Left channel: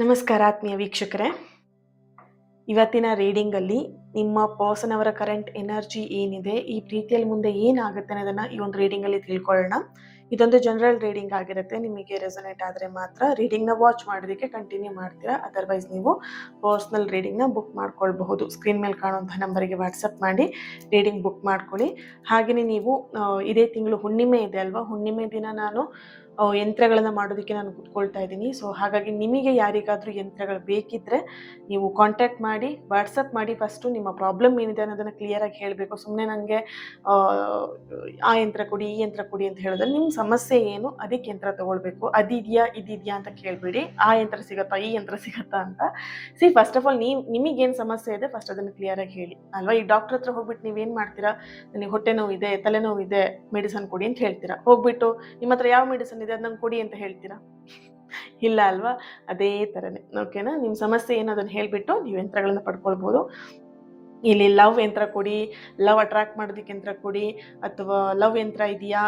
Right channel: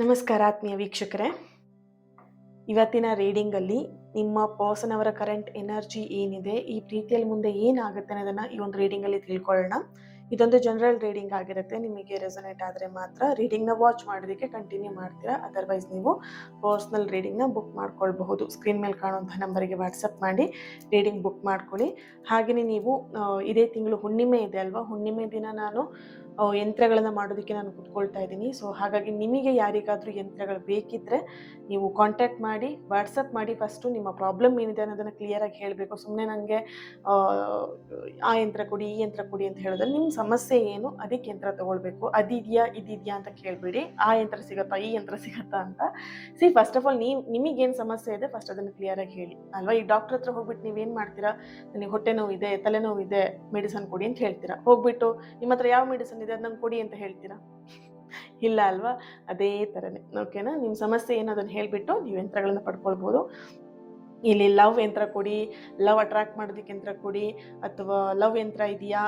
ನಮಸ್ಕಾರ ಆತ್ಮೀಯ ವೀಕ್ಷಕರೇ. ಇವತ್ತಿನ ರೀಡಿಂಗಲ್ಲಿ ನಿಮ್ಮ ಪರ್ಸನ್ ಅವರ ಕರೆಂಟ್ ಎನರ್ಜಿ ಏನಿದೆ, ಈ ಪ್ರೀತಿಯಲ್ಲಿ ಮುಂದೆ ಏನಾಗುತ್ತೆ ಅನ್ನೋದನ್ನು ಈ ಒಂದು ರೀಡಿಂಗಲ್ಲಿ ತಿಳ್ಕೊಳ್ಳೋಣ. ಇದೊಂದು ಜನರಲ್ ರೀಡಿಂಗ್ ಆಗಿರುತ್ತೆ. ನಿಮಗೆ ರೆಸೊನೇಟ್ ಆದರೆ ಮಾತ್ರ ರೀಡಿಂಗ್ನ ವಾಚ್ ಮಾಡೋದಕ್ಕೆ ಕಂಟಿನ್ಯೂ ಮಾಡ್ತೀರಾ. ಅದರ್ವೈಸ್ ನೀವು ಪರ್ಸ್ನಲ್ ರೀಡಿಂಗ್ನ ಬುಕ್ ಮಾಡ್ಕೊಳ್ಬಹುದು. ಸ್ಕ್ರೀನ್ ಮೇಲೆ ಕಾಣುವಂಥ ನಂಬರಿಗೆ ವಾಟ್ಸಪ್ ಮಾಡಿ ರೀಡಿಂಗ್ ಬುಕ್ ಮಾಡ್ಕೊಳ್ಳಿ. ಹಾಗೆಯೇ ನೀವು ಇದೇ ತಿಂಗಳು ಹುಣ್ಣಿಮೆ ಇದೆ ಅಲ್ವಾ, ಹುಣ್ಣಿಮೆ ದಿನ ನಾನು ಯಂತ್ರಗಳನ್ನು ಮಾಡೋದಕ್ಕೆ ನಾನು ಕೂತ್ಕೊಳ್ತಾ ಇದ್ದೀನಿ. ಸೊ ಹಾಗಾಗಿ ನಿಮಗೆ ಯಾರಿಗಾದರೂ ಯಂತ್ರಗಳು ಬೇಕಿದ್ದರೆ ನೀವು ಕಾಂಟ್ಯಾಕ್ಟ್ ಮಾಡಿ, ವಾಟ್ಸಪ್ ಮಾಡಿ. ಫಸ್ಟು ನಿಮ್ಮ ಪ್ರಾಬ್ಲಮ್ ಏನಿದೆ ಅನ್ನೋದನ್ನು ಕ್ಲಿಯರಾಗಿ ಹೇಳಬೇಕು. ಸುಮ್ಮನೆ ನನಗೆ ಆ ಯಂತ್ರ ಕೊಡಿ, ಈ ಯಂತ್ರ ಕೊಡಿ ಅಂತ ಹೇಳಿದ್ರೆ ನಿಮ್ಮ ಸಮಸ್ಯೆ ಏನು, ಅದಕ್ಕೆ ಯಂತ್ರ ತೊಗೊಳ್ಬೇಕು. ಅದಿದೆಯಾ ಇದಿದೆಯಾ ಅಂತ ಕೇಳಬೇಡಿ. ಆ ಯಂತ್ರ ಸಿಗುತ್ತಾ, ಈ ಯಂತ್ರ ಸಿಗುತ್ತಾ ಅಂತ. ಫಸ್ಟ್ ಆಫ್ ಆಲ್ ನಿಮಗೇನು ಸಮಸ್ಯೆ ಇದೆ ಫಸ್ಟ್ ಅದನ್ನು ಕ್ಲಿಯರಾಗಿ ಹೇಳಿ ಅಲ್ವಾ. ಈ ಡಾಕ್ಟರ್ ಹತ್ರ ಹೋಗ್ಬಿಟ್ಟು ನೀವೇನು ಮಾಡ್ತೀರಾ, ನನಗೆ ಹೊಟ್ಟೆ ನೋವಿದೆ, ತಲೆನೋವಿದೆ, ಮೆಡಿಸನ್ ಕೊಡಿ ಅಂತ ಹೇಳ್ತೀರಾ. ಹೋಗ್ಬಿಟ್ಟು ನಿಮ್ಮ ಹತ್ರ ಯಾವ ಮೆಡಿಸನ್ ಇದೆ ಅದು ನಂಗೆ ಕೊಡಿ ಅಂತ ಹೇಳ್ತೀರಾ? ಇಲ್ಲ ಅಲ್ವಾ. ಅದೇ ಥರನೇ ಓಕೆನಾ. ನಿಮ್ಮ ಸಮಸ್ಯೆ ಏನು ಅದನ್ನು ಹೇಳಿಬಿಟ್ಟು ನೀವು ಯಂತ್ರಗಳನ್ನು ಪಡ್ಕೊಳ್ಬೋದು. ಇಲ್ಲಿ ಲವ್ ಯಂತ್ರ ಕೊಡಿ, ಲವ್ ಅಟ್ರಾಕ್ಟ್ ಮಾಡೋದಕ್ಕೆ ಯಂತ್ರ ಕೊಡಿ, ಅಥವಾ ಲವ್ ಯಂತ್ರ ಇದೆಯಾ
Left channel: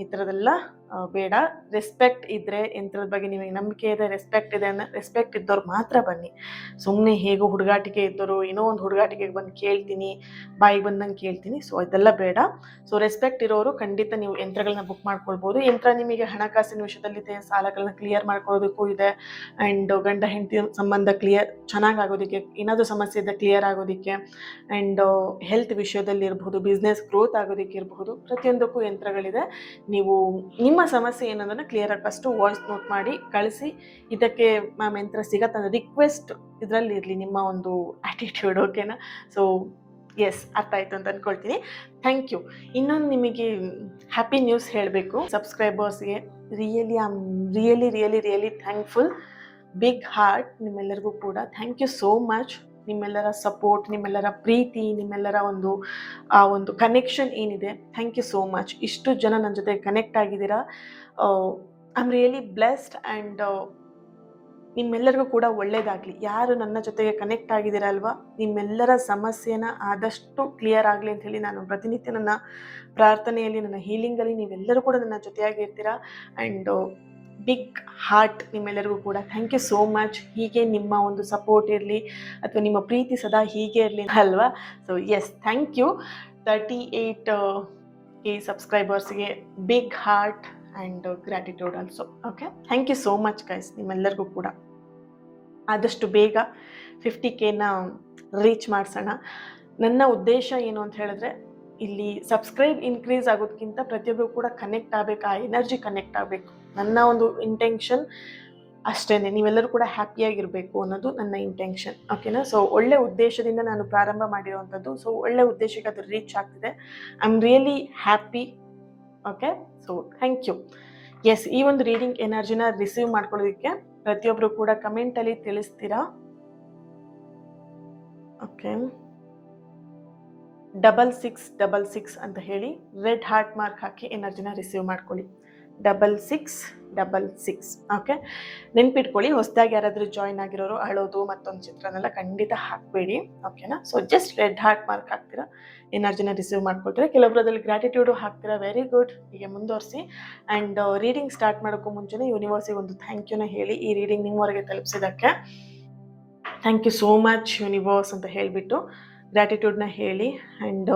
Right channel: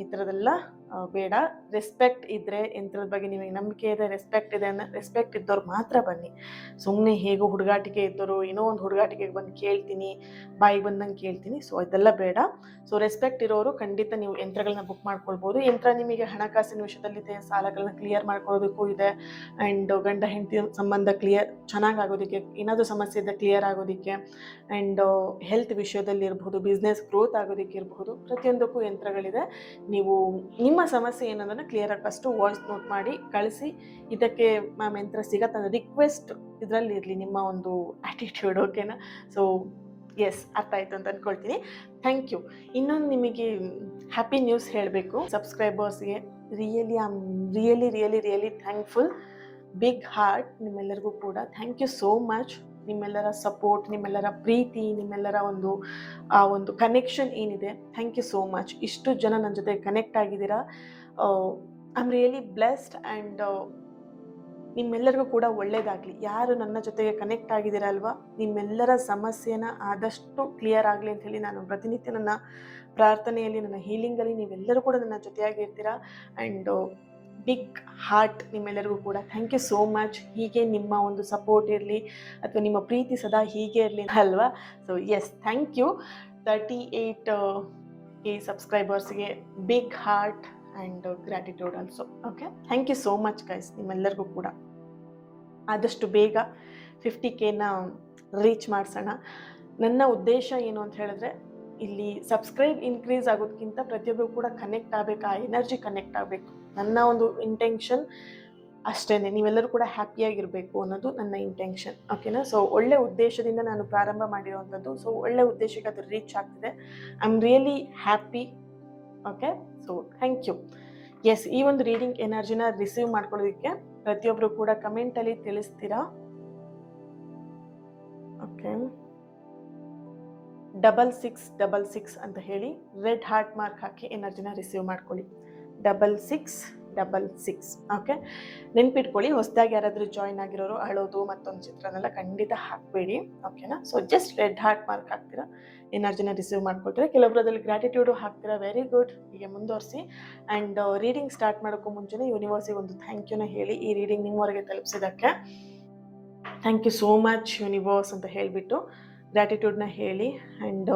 ಈ ಥರದೆಲ್ಲ ಬೇಡ. ರೆಸ್ಪೆಕ್ಟ್ ಇದ್ದರೆ, ಯಂತ್ರದ ಬಗ್ಗೆ ನಿಮಗೆ ನಂಬಿಕೆ ಇದೆ, ರೆಸ್ಪೆಕ್ಟ್ ಇದೆ ಅನ್ನೋ ರೆಸ್ಪೆಕ್ಟ್ ಇದ್ದವ್ರು ಮಾತ್ರ ಬನ್ನಿ. ಸುಮ್ಮನೆ ಹೇಗೋ ಹುಡುಗಾಟಿಕೆ ಇದ್ದವರು ಏನೋ ಒಂದು ಹುಡುಗಾಟಿಕೆಗೆ ಬಂದು ಕೇಳ್ತೀನಿ, ಬಾಯಿಗೆ ಬಂದಂಗೆ ಕೇಳ್ತೀನಿ, ಸೊ ಇದೆಲ್ಲ ಬೇಡ. ಸೊ ರೆಸ್ಪೆಕ್ಟ್ ಇರೋರು ಖಂಡಿತ ನೀವು ಯಂತ್ರಗಳನ್ನ ಬುಕ್ ಮಾಡ್ಕೊಳ್ಬೋದು. ಯಂತ್ರ ನಿಮಗೆ ಹಣಕಾಸಿನ ವಿಷಯದಲ್ಲಿದೆ, ಸಾಲಗಳನ್ನ ಕ್ಲಿಯರ್ ಮಾಡ್ಕೊಳ್ಳೋದಕ್ಕೂ ಇದೆ, ಆ್ಯಂಡ್ ಗಂಡ ಹೆಂಡತಿ ಸಂಬಂಧ ಚೆನ್ನಾಗಿ ಆಗೋದಕ್ಕೆ, ಏನಾದರೂ ಸಮಸ್ಯೆ ಇದೆ ಕ್ಲಿಯರ್ ಆಗೋದಕ್ಕೆ, ಆ್ಯಂಡ್ ಹೆಲ್ತ್ ವಿಷಯದಲ್ಲಿ ಇರ್ಬೋದು, ಬಿಸ್ನೆಸ್ ಗ್ರೋತ್ ಆಗೋದಕ್ಕೆ ಇರ್ಬೋದು, ಪ್ರತಿಯೊಂದಕ್ಕೂ ಯಂತ್ರಗಳಿದೆ. ನೀವು ನಿಮ್ಮ ಸಮಸ್ಯೆ ಏನನ್ನೋದನ್ನು ಕ್ಲಿಯರಾಗಿ ಫಸ್ಟು ವಾಯ್ಸ್ ನೋಟ್ ಮಾಡಿ ಕಳಿಸಿ. ಇದಕ್ಕೆ ಮ್ಯಾಮ್ ಯಂತ್ರ ಸಿಗತ್ತೆ ಅನ್ನೋ ರಿಕ್ವೆಸ್ಟ್ ಇದರಲ್ಲಿ ಇರಲಿ, ನಿಮ್ಮ ಒಂದು ಆ್ಯಟಿಟ್ಯೂಡ್. ಓಕೆನಾ. ಸೊ ಎಸ್, ಅರ್ಥ ಆಯಿತು ಅಂತ ಅಂದ್ಕೊಳ್ತೀನಿ. Thank you. ಇನ್ನೊಂದು ನಿಮಗೆ ಹ್ಯಾಪಿ ನ್ಯೂಸ್ ಹೇಳಬೇಕು. ಸಬ್ಸ್ಕ್ರೈಬರ್ಸ್ಗೆ ರಿಯಲಿ ಥ್ಯಾಂಕ್ಫುಲ್. ಬಿಗ್ ಹಾರ್ಟ್ ನಿಮ್ಮೆಲ್ಲರಿಗೂ ಕೂಡ. Thank you so much. ನಿಮ್ಮೆಲ್ಲರ ಸಪೋರ್ಟ್, ನಿಮ್ಮೆಲ್ಲರ ಪ್ರೀತಿ, ನಿಮ್ಮೆಲ್ಲರ ಒಂದು ಕನೆಕ್ಷನ್ ಏನಿದೆ, ಥ್ಯಾಂಕ್ ಯು ಸೋ ಮಚ್. ಇಷ್ಟು ಜನ ನನ್ನ ಜೊತೆ ಕನೆಕ್ಟ್ ಆಗಿದ್ದೀರಾ. I am really blessed. And ನಿಮ್ಮೆಲ್ಲರಿಗೂ ಕೂಡ ಒಳ್ಳೆಯದಾಗಲಿ. ಯಾರು ನನ್ನ ಜೊತೆಗೆ ಕನೆಕ್ಟ್ ಆಗಿದ್ದೀರಲ್ವ, ನಿಮ್ಮೆಲ್ಲರ ಸಮಸ್ಯೆನ ಆದಷ್ಟು ಕ್ಲಿಯರ್ ಆಗಲಿ ಅಂತ ಹೇಳಿ ನಾನು ಪ್ರತಿನಿತ್ಯ ನನ್ನ ಪ್ರಾರ್ಥನೆಯಲ್ಲಿ, ನನ್ನ ಹೀಲಿಂಗಲ್ಲಿ ನೀವೆಲ್ಲರೂ ಕೂಡ ನನ್ನ ಜೊತೆಯಾಗಿರ್ತೀರಾ. ಆ್ಯಂಡ್ ಬಿಗ್ ಹಾರ್ಟ್ ನಿಮ್ಮೆಲ್ಲರಿಗೂ ಕೂಡ. Thank you so much. ಹೀಗೆ ನಿಮ್ಮ ಒಂದು ಸಪೋರ್ಟ್ ಇರಲಿ, ಅಥವಾ ನಿಮ್ಮ ಪ್ರೀತಿ ಸದಾ ಹೀಗೆ ಇರಲಿ ಅಲ್ವಾ. So yes, thank you. 38K ಸಬ್ಸ್ಕ್ರೈಬರ್ಸ್ಗೆ big heart and gratitude also. Okay, thank you so much guys. ನಿಮ್ಮೆಲ್ಲರಿಗೂ ಕೂಡ ಆದಷ್ಟು ಬೇಗ 50Kನ ರೀಚ್ ಮಾಡಿಸೋಣ. ನನ್ನ ಉದ್ದೇಶ ಏನು ಅಂತ ಹೇಳಿದ್ರೆ, ಇಲ್ಲಿ ಸಬ್ಸ್ಕ್ರೈಬ್ ಇನ್ಕ್ರೀಸ್ ಆಗೋದಕ್ಕಿಂತ ಪ್ರತಿಯೊಬ್ಬರು ಕೂಡ ಕನೆಕ್ಟ್ ಆಗಬೇಕು, ಆ ಎನರ್ಜಿ ಕನೆಕ್ಟ್ ಆಗಬೇಕು. ನನ್ನ ಒಂದು ಇಂಟೆನ್ಷನ್ ಅಷ್ಟೇ. ನೀವೆಲ್ಲರೂ ಕೂಡ ಹ್ಯಾಪಿಯಾಗಿರಬೇಕು ಅನ್ನೋದು ನನ್ನ ಇಂಟೆನ್ಷನ್. ಓಕೆನಾ. ಸೊ ಒಳ್ಳೆ ಉದ್ದೇಶದಿಂದ ನಾನು ಪ್ರಾರಂಭ ಮಾಡಿರುವಂಥದ್ದು. ಸೊ ಒಳ್ಳೆ ಉದ್ದೇಶಕ್ಕೆ ಅದು ರೀಚ್ ಆಗ್ತಿದೆ. I am really happy. Okay, so thank you. Yes, ಈ ಒಂದು ರೀಡಿಂಗ್ ಎನರ್ಜಿನ ರಿಸೀವ್ ಮಾಡ್ಕೊಳ್ಳೋದಕ್ಕೆ ಪ್ರತಿಯೊಬ್ಬರು ಕೂಡ ಕಮೆಂಟಲ್ಲಿ ತಿಳಿಸ್ತೀರಾ. ಓಕೆ, 6666 ಅಂತ ಹೇಳಿ ರೆಡ್ ಹಾರ್ಟ್ ಮಾರ್ಕ್ ಹಾಕಿ ಎನರ್ಜಿನ ರಿಸೀವ್ ಮಾಡ್ಕೊಳ್ಳಿ. 6666. ಓಕೆ, ನೆನ್ಪಿಟ್ಕೊಳ್ಳಿ. ಹೊಸದಾಗಿ ಯಾರಾದರೂ ಜಾಯಿನ್ ಆಗಿರೋರು ಅಳೋದು ಮತ್ತೊಂದು ಚಿತ್ರನೆಲ್ಲ ಖಂಡಿತ ಹಾಕಬೇಡಿ. ಓಕೆನಾ. So just red heart mark ಹಾಕ್ತೀರಾ, ಎನರ್ಜಿನ ರಿಸೀವ್ ಮಾಡ್ಕೊಳ್ತೀರಾ. ಕೆಲವೊಬ್ರು ಅದ್ರಲ್ಲಿ ಗ್ರ್ಯಾಟಿಟ್ಯೂಡು ಹಾಕ್ತೀರಾ. ವೆರಿ ಗುಡ್, ಹೀಗೆ ಮುಂದುವರಿಸಿ. ಆ್ಯಂಡ್ ರೀಡಿಂಗ್ ಸ್ಟಾರ್ಟ್ ಮಾಡೋಕ್ಕೂ ಮುಂಚೆನೇ ಯೂನಿವರ್ಸಿಗೆ ಒಂದು ಥ್ಯಾಂಕ್ ಯೂನ ಹೇಳಿ, ಈ ರೀಡಿಂಗ್ ನಿಮ್ಮವರೆಗೆ ತಲುಪಿಸಿದ್ದಕ್ಕೆ thank you so much universe ಅಂತ ಹೇಳಿಬಿಟ್ಟು ಗ್ರ್ಯಾಟಿಟ್ಯೂಡ್ನ ಹೇಳಿ. ಆ್ಯಂಡ್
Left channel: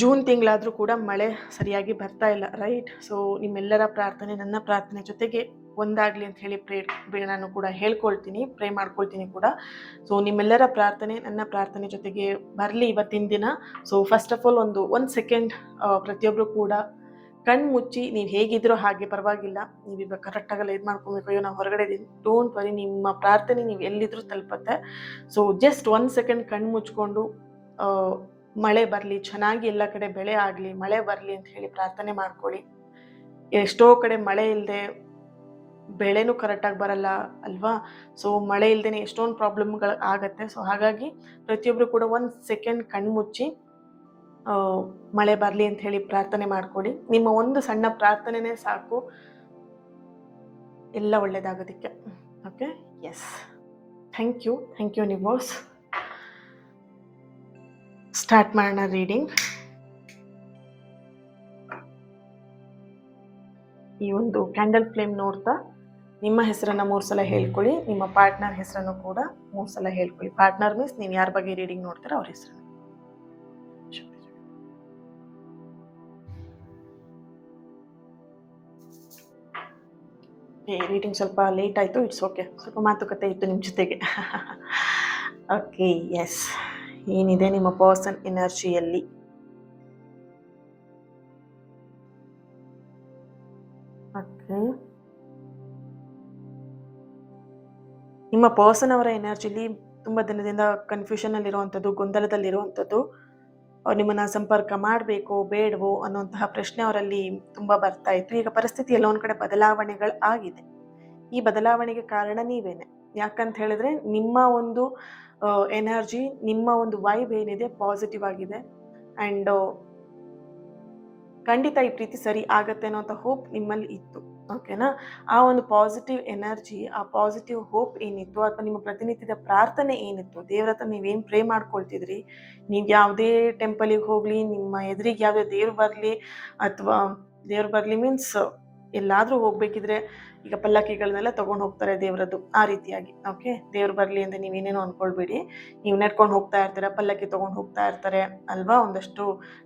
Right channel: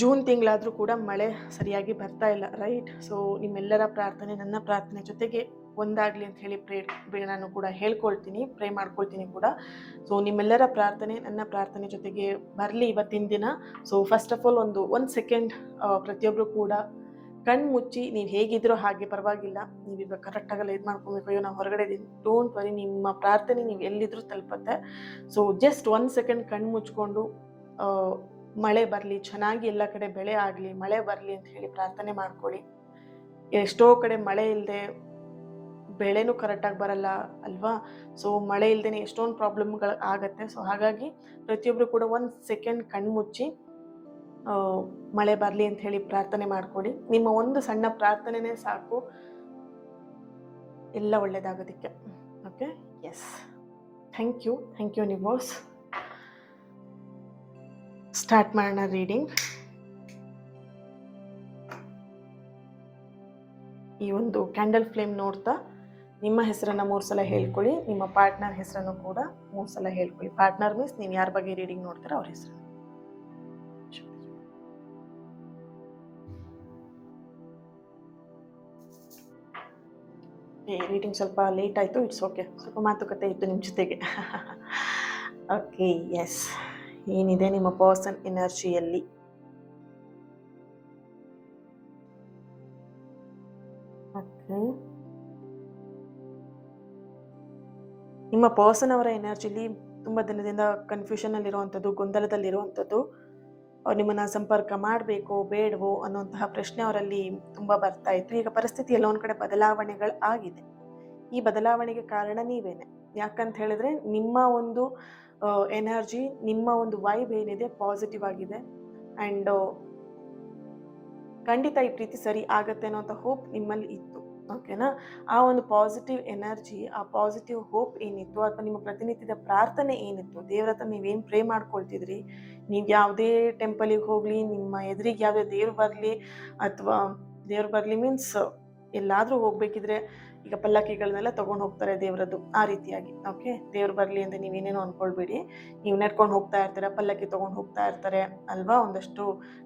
ಜೂನ್ ತಿಂಗಳಾದರೂ ಕೂಡ ಮಳೆ ಸರಿಯಾಗಿ ಬರ್ತಾ ಇಲ್ಲ, ರೈಟ್. ಸೊ ನಿಮ್ಮೆಲ್ಲರ ಪ್ರಾರ್ಥನೆ ನನ್ನ ಪ್ರಾರ್ಥನೆ ಜೊತೆಗೆ ಒಂದಾಗಲಿ ಅಂತ ಹೇಳಿ ನಾನು ಕೂಡ ಹೇಳ್ಕೊಳ್ತೀನಿ, ಪ್ರೇ ಮಾಡ್ಕೊಳ್ತೀನಿ ಕೂಡ. ಸೊ ನಿಮ್ಮೆಲ್ಲರ ಪ್ರಾರ್ಥನೆ ನನ್ನ ಪ್ರಾರ್ಥನೆ ಜೊತೆಗೆ ಬರಲಿ ಇವತ್ತಿನ ದಿನ. ಸೊ ಫಸ್ಟ್ ಆಫ್ ಆಲ್ ಒಂದು ಸೆಕೆಂಡ್ ಪ್ರತಿಯೊಬ್ಬರು ಕೂಡ ಕಣ್ಣು ಮುಚ್ಚಿ, ನೀವು ಹೇಗಿದ್ರೋ ಹಾಗೆ ಪರವಾಗಿಲ್ಲ, ನೀವೀಗ ಕರೆಕ್ಟಾಗಲ್ಲ ಇದು ಮಾಡ್ಕೊಬೇಕು, ಅಯ್ಯೋ ನಾವು ಹೊರಗಡೆ ಇದ್ದೀನಿ, ಡೋಂಟ್ ವರಿ, ನಿಮ್ಮ ಪ್ರಾರ್ಥನೆ ನೀವು ಎಲ್ಲಿದ್ರೂ ತಲುಪತ್ತೆ. ಸೊ ಜಸ್ಟ್ 1 ಸೆಕೆಂಡ್ ಕಣ್ಣು ಮುಚ್ಕೊಂಡು ಮಳೆ ಬರಲಿ, ಚೆನ್ನಾಗಿ ಎಲ್ಲ ಕಡೆ ಬೆಳೆ ಆಗಲಿ, ಮಳೆ ಬರಲಿ ಅಂತ ಹೇಳಿ ಪ್ರಾರ್ಥನೆ ಮಾಡ್ಕೊಳ್ಳಿ. ಎಷ್ಟೋ ಕಡೆ ಮಳೆ ಇಲ್ಲದೆ ಬೆಳೆನೂ ಕರೆಕ್ಟಾಗಿ ಬರಲ್ಲ ಅಲ್ವಾ. ಸೊ ಮಳೆ ಇಲ್ಲದೇ ಎಷ್ಟೊಂದು ಪ್ರಾಬ್ಲಮ್ಗಳು ಆಗತ್ತೆ. ಸೊ ಹಾಗಾಗಿ ಪ್ರತಿಯೊಬ್ಬರು ಕೂಡ 1 ಸೆಕೆಂಡ್ ಕಣ್ಣು ಮುಚ್ಚಿ ಮಳೆ ಬರಲಿ ಅಂತ ಹೇಳಿ ಪ್ರಾರ್ಥನೆ ಮಾಡ್ಕೊಳ್ಳಿ. ನಿಮ್ಮ ಒಂದು ಸಣ್ಣ ಪ್ರಾರ್ಥನೆನೇ ಸಾಕು ಎಲ್ಲ ಒಳ್ಳೇದಾಗೋದಕ್ಕೆ. Okay, yes, thank you universe. Start ಮಾಡೋಣ ರೀಡಿಂಗ್. ಈ ಒಂದು ಕ್ಯಾಂಡಲ್ ಫ್ಲೇಮ್ ನೋಡ್ತಾ ನಿಮ್ಮ ಹೆಸರನ್ನು 3 ಸಲ ಹೇಳ್ಕೊಳ್ಳಿ. ನಿಮ್ಮ ಪಾರ್ಟ್ನರ್ ಹೆಸರನ್ನು ಕೂಡ 3 ಸಲ ಹೇಳ್ಕೊಳ್ಳಿ. ಪಾರ್ಟ್ನರ್ ಮೀನ್ಸ್ ನೀವು ಯಾರ ಬಗ್ಗೆ ರೀಡಿಂಗ್ ನೋಡ್ತೀರೋ ಅವ್ರ ಹೆಸರು. ರೀಡಿಂಗ್ ಸ್ವಲ್ಪ ಲೇಟ್ ಆಯಿತು, ಇಟ್ಸ್ ಓಕೆ. ಸ್ವಲ್ಪ ಮಾತುಕತೆ ಇತ್ತು ನಿಮ್ಮ ಜೊತೆಗೆ. Okay, yes. ಏನಿದೆ ನಿಮ್ಮ ಪರ್ಸನ್ ಎನರ್ಜಿಯಲ್ಲಿ? ಓಕೆ, ನಿಮ್ಮ ಪರ್ಸನ್ ಅವರ ಎನರ್ಜಿಲಿ ತುಂಬ ದಿನದಿಂದ ಕನ್ಫ್ಯೂಷನಲ್ಲಿರುವಂಥದ್ದು, ಗೊಂದಲದಲ್ಲಿರುವಂಥದ್ದು, ಅವ್ರು ನಿಮ್ಮನ್ನು ಸಂಪರ್ಕ ಮಾಡಬೇಕೋ ಬೇಡವೋ ಅನ್ನೋಂತಹ ಪ್ರಶ್ನೆ ಅವರಲ್ಲಿ ತುಂಬ ಬರ್ತಾ ಇತ್ತು. ಈಗ ಪರಿಸ್ಥಿತಿ ಎಲ್ಲ ಒಂದು ಕಡೆ ಬದಲಾವಣೆಗಳು ಆಗಿದೆ. ಈ ಬದಲಾವಣೆಗೆ ಕಾರಣ ನೀವೇನೆ. ಯಾಕಂತ ಹೇಳಿದ್ರೆ ನಿಮ್ಮ ಒಂದು ಎನರ್ಜಿ, ನಿಮ್ಮ ಒಂದು ವೈಬ್ ಏನಿದೆ ಪಾಸಿಟಿವ್ ಆಗಿದೆ. ಆ್ಯಂಡ್ ಖಂಡಿತ ಈ ಪ್ರೀತಿ ಸರಿ ಆಗತ್ತೆ ಅನ್ನೋಂಥ ಹೋಪ್ ನಿಮ್ಮಲ್ಲಿ ಇತ್ತು. ಓಕೆನಾ? ಆ ಒಂದು ಪಾಸಿಟಿವ್ ಎನರ್ಜಿ, ಆ ಪಾಸಿಟಿವ್ ಹೋಪ್ ಏನಿತ್ತು, ಅಥವಾ ನಿಮ್ಮ ಪ್ರತಿನಿತ್ಯದ ಪ್ರಾರ್ಥನೆ ಏನಿತ್ತು, ದೇವ್ರ ಹತ್ರ ನೀವೇನು ಪ್ರೇ ಮಾಡ್ಕೊಳ್ತಿದ್ರಿ, ನೀವು ಯಾವುದೇ ಟೆಂಪಲಿಗೆ ಹೋಗಲಿ, ನಿಮ್ಮ ಎದುರಿಗೆ ಯಾವುದೇ ದೇವ್ರು ಬರಲಿ, ಅಥವಾ ದೇವ್ರು ಬರಲಿ ಮೀನ್ಸ್ ಎಲ್ಲಾದರೂ ಹೋಗ್ಬೇಕಿದ್ರೆ ಈಗ ಪಲ್ಲಕ್ಕಿಗಳನ್ನೆಲ್ಲ ತೊಗೊಂಡು ಹೋಗ್ತಾರೆ ದೇವರದ್ದು, ಆ ರೀತಿಯಾಗಿ. ಓಕೆ, ದೇವ್ರು ಬರಲಿ ಅಂದರೆ ನೀವೇನೇನೋ ಅಂದ್ಕೊಳ್ಬೇಡಿ. ನೀವು ನಡ್ಕೊಂಡು ಹೋಗ್ತಾ ಇರ್ತೀರ, ಪಲ್ಲಕ್ಕಿ ತೊಗೊಂಡು ಹೋಗ್ತಾ ಇರ್ತಾರೆ ಅಲ್ವಾ ಒಂದಷ್ಟು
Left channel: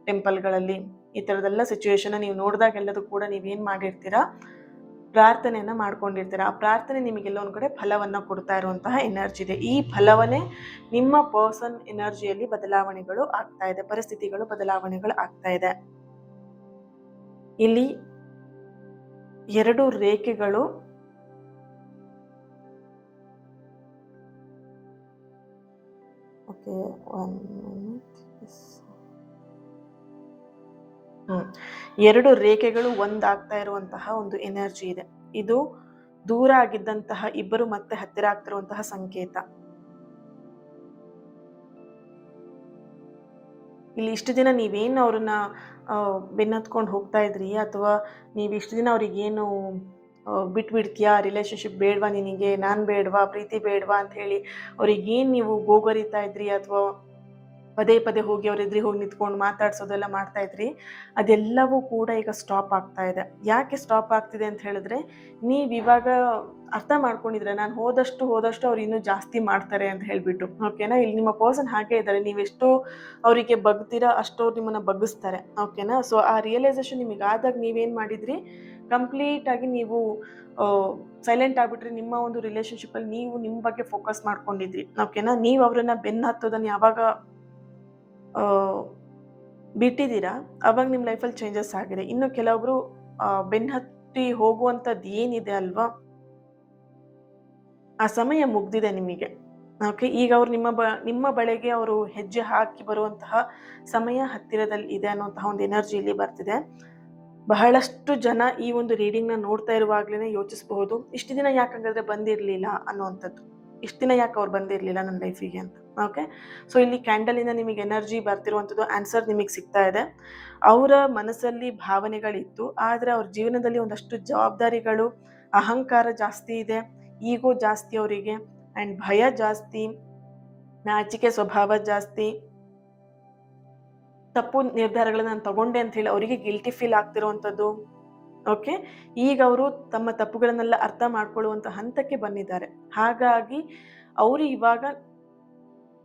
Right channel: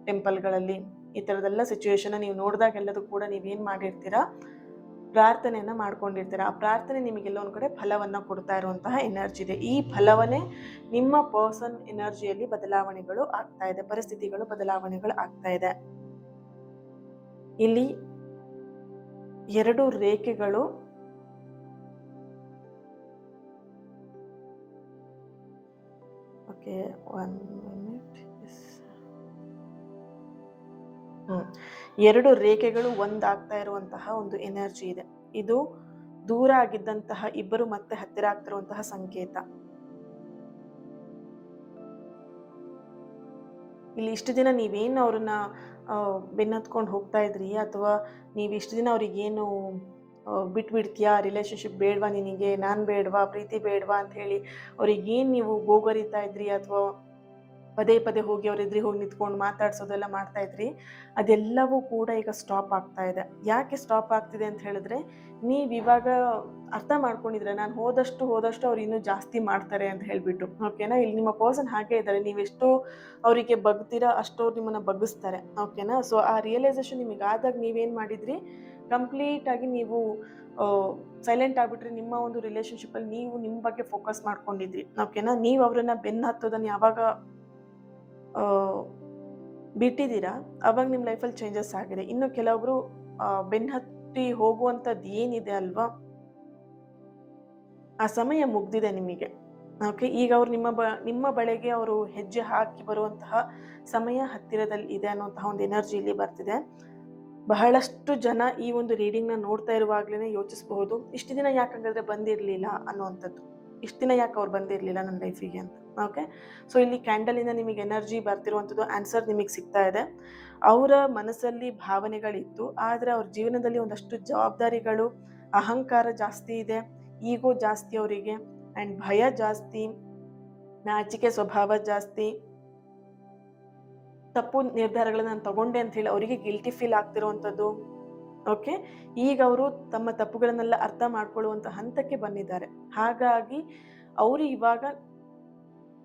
ಟೆಂಪಲ್ಗಳಲ್ಲಿ. ಈ ಥರದ್ದೆಲ್ಲ ಸಿಚುವೇಶನ್ನ ನೀವು ನೋಡಿದಾಗೆಲ್ಲದೂ ಕೂಡ ನೀವೇನು ಮಾಡಿರ್ತೀರಾ, ಪ್ರಾರ್ಥನೆಯನ್ನು ಮಾಡ್ಕೊಂಡಿರ್ತೀರ. ಆ ಪ್ರಾರ್ಥನೆ ನಿಮಗೆಲ್ಲ ಒಂದು ಕಡೆ ಫಲವನ್ನು ಕೊಡ್ತಾ ಇರುವಂತಹ ಎನರ್ಜಿ ಇದೆ. ಈ ಫಲವನ್ನೇ ನಿಮ್ಮ ಪರ್ಸನ್ ಎನರ್ಜಿಯಲ್ಲಿ ಬದಲಾವಣೆಗಳು ಆಗ್ತಾ ಇದೆ, ಪರಿಸ್ಥಿತಿಗಳು ಬದಲಾವಣೆಗಳು ಆಗ್ತಾ ಇದೆ. ಇಲ್ಲಿ 2 ರೇಖೆಗಳು ಓಕೆ, 1 ಮಿನಿಟ್. 2 ರೇಖೆಗಳು ಒಂದಾಗ್ತಾ ಇರುವಂತಹ ಒಂದು ಎನರ್ಜಿ ಇದೆ. ಇದು ದೂರ ಆಗಿದ್ದಂತಹ ಇಬ್ಬರು ಮತ್ತೆ ಹತ್ತಿರ ಆಗ್ತಿರುವಂತಹ ಸಂಕೇತ. ಇಲ್ಲಿ ಇಷ್ಟು ದಿನ ನೀವೇನು ಅವ್ರನ್ನ ಬೆನ್ನತ್ಕೊಂಡು ಹೋಗ್ತಾ ಇದ್ರಿ, ಅಥವಾ ನೀವು ಇಷ್ಟು ದಿನ ಅವ್ರಿಗೇನು ಬಿಟ್ಬಿಡ್ತೀಯಾ, ರಿಲೇಶನ್ಶಿಪ್ ಬೇಡವಾ ನಿನಗೆ, ನಾನು ಬೇಡವಾ, ಪ್ರೀತಿ ಬೇಡವಾ ಅಂತ ಹೇಳಿ ಅವ್ರಿಗೇನು ನೀವು ಗೋಗರಿತಾ ಇದ್ರಿ, ಅಥವಾ ಪದೇ ಪದೇ ಹೋಗಿ ಅವ್ರ ಎದುರಿಗೆ ಹೋಗಿ ನಿಂತ್ಕೊಂಡು ಮಾತಾಡ್ಸೋದೆಲ್ಲ ಮಾಡ್ತಾ ಇದ್ರಿ, ಅದೆಲ್ಲವೂ ಕೂಡ ಈಗ ಸ್ಟಾಪ್ ಆಗ್ತಾ ಇದೆ. ಯಾಕೆ ಸ್ಟಾಪ್ ಆಗ್ತಿದೆ ಅಂತ ಹೇಳಿದ್ರೆ, ನೀವು ಇವಾಗ ಅರ್ಥ ಮಾಡ್ಕೊಂಡಿದ್ರೆ ನಾನು ಹೋದಷ್ಟು ಅವ್ರು ಇನ್ನೂ ಜಾಸ್ತಿ ಮಾಡ್ತಾರೆ ಅಂತ ಹೇಳಿಬಿಟ್ಟು. ಓಕೆನಾ? ಇಲ್ಲಿ ನಿಮ್ಮ ಪರ್ಸನ್ ಹಾಗೆ ಇದ್ದಾರೆ. ನೀವೆಷ್ಟು ಅವರಿಗೆ ಬಗ್ತೀರಾ ಅಷ್ಟು ಅವ್ರು ನಿಮ್ಮನ್ನು ಬಗ್ಗಿಸ್ತಾರೆ. ಓಕೆನಾ? ಸೊ ಆ ರಿಯಲೈಸೇಷನ್ ನಿಮಗಾದಾಗ ನೀವೇನು ಮಾಡಿದ್ರಿ, ಕಂಪ್ಲೀಟಾಗಿ ನೀವು ಸೈಲೆಂಟ್ ಆಗಿಬಿಟ್ರಿ. ನಿಮ್ಮ ಒಂದು ರಿಲೇಷನ್ಶಿಪ್ಪಲ್ಲಿ ನೀವು ನಿಮ್ಮ ಬಗ್ಗೆ ಫೋಕಸ್ ಮಾಡ್ಕೊಂಡಿದ್ರಿ. ಓಕೆನಾ? ನೀವು ಅವರನ್ನು ಬೆನ್ನು ಹತ್ತೋದನ್ನು ಯಾವಾಗ ಬಿಟ್ಟಿದ್ದೀರಾ, ಅವಾಗ ನಿಮ್ಮ ಲೈಫಲ್ಲಿ ಚೇಂಜಸ್ ಆಗಿದೆ. ಇನ್ನು ಕೆಲವೊಬ್ರು ಬೆನ್ನು ಹತ್ತಿ ಹೋಗುವಂಥದ್ದು ಏನಿದೆ ಅಲ್ವಾ, ಆ ಸಮಯ ಮುಗ್ದಿದೆ ನಿಮಗೆ. ಓಕೆ, ಈಗ ಅವ್ರು ನಿಮ್ಮ ಬಳಿಗೆ ಅವರು ಹೆಜ್ಜೆ ಹಾಕಿ ಬರುವಂತಹ ಸಮಯ ಹತ್ತಿರದಲ್ಲಿ ಇದೆ ಅನ್ನುವಂತಹ ಒಂದು ಎನರ್ಜಿಯಲ್ಲಿ ಬರ್ತಿದೆ. ಬಹಳಷ್ಟು ಜನ ಈ ಒಂದು ರೀಡಿಂಗ್ನ ನೋಡ್ತಾ ಇರುವಾಗಲೇ ಯೋಚಿಸಬಹುದು, ಇಷ್ಟು ದಿನ ಯಾಕಂಗಾದ್ರೆ ಬಂದಿರಲಿಲ್ಲ ಅನ್ನುವಂಥದ್ದು. ಇಷ್ಟು ದಿನ ಯಾಕೆ ಅವ್ರು ಬಂದಿರಲಿಲ್ಲ ನನ್ನ ಲೈಫಿಗೆ ಅಂತ. ಓಕೆ, ಸೊ ಇಲ್ಲಿ ಕ್ಯಾಂಡಲಿಂದ ನಿಮಗೆ ಎನರ್ಜಿ ಬರ್ತಿರುವಂಥದ್ದು ಆನ್ಸರ್ ನಿಮಗೆ ಸಿಗ್ತಾ ಇದೆ. ಅವರ ಮನಸ್ಸಲ್ಲಿ ಭಾವನೆಗಳಿತ್ತು, ಆದರೆ ಅವ್ರ ಜೀವನದಲ್ಲಿ ಒಂದಷ್ಟು ಜವಾಬ್ದಾರಿಗಳು, ಅಹಂಕಾರ ಜಾಸ್ತಿ ಇದೆ, ಈಗೋ ಜಾಸ್ತಿ ಅವರಿಗೆ, ಆ್ಯಂಡ್ ಭಯ ಜಾಸ್ತಿ, ನಾಚಿಕೆ ಸ್ವಭಾವ ಜಾಸ್ತಿ, ತಪ್ಪು ನಿರ್ಧಾರಗಳನ್ನ ನಾನು ತಗೊಂಡೆ ಅಂತ ಹೇಳಿ ಅವರಿಗೆ ಗಿಲ್ಟಿ ಫೀಲ್ ಆಗ್ತಿರುವಂಥದ್ದು. ಓಕೆ, ಈಗ ಅವರು ತಮ್ಮ ತಪ್ಪುಗಳನ್ನೆಲ್ಲ ಅರ್ಥ ಮಾಡ್ಕೊಳ್ಳುವಂಥ ಹಂತಕ್ಕೆ ಬಂದಿದ್ದಾರೆ. ಹಾಗಾಗಿ ಅವರು ಇವಾಗ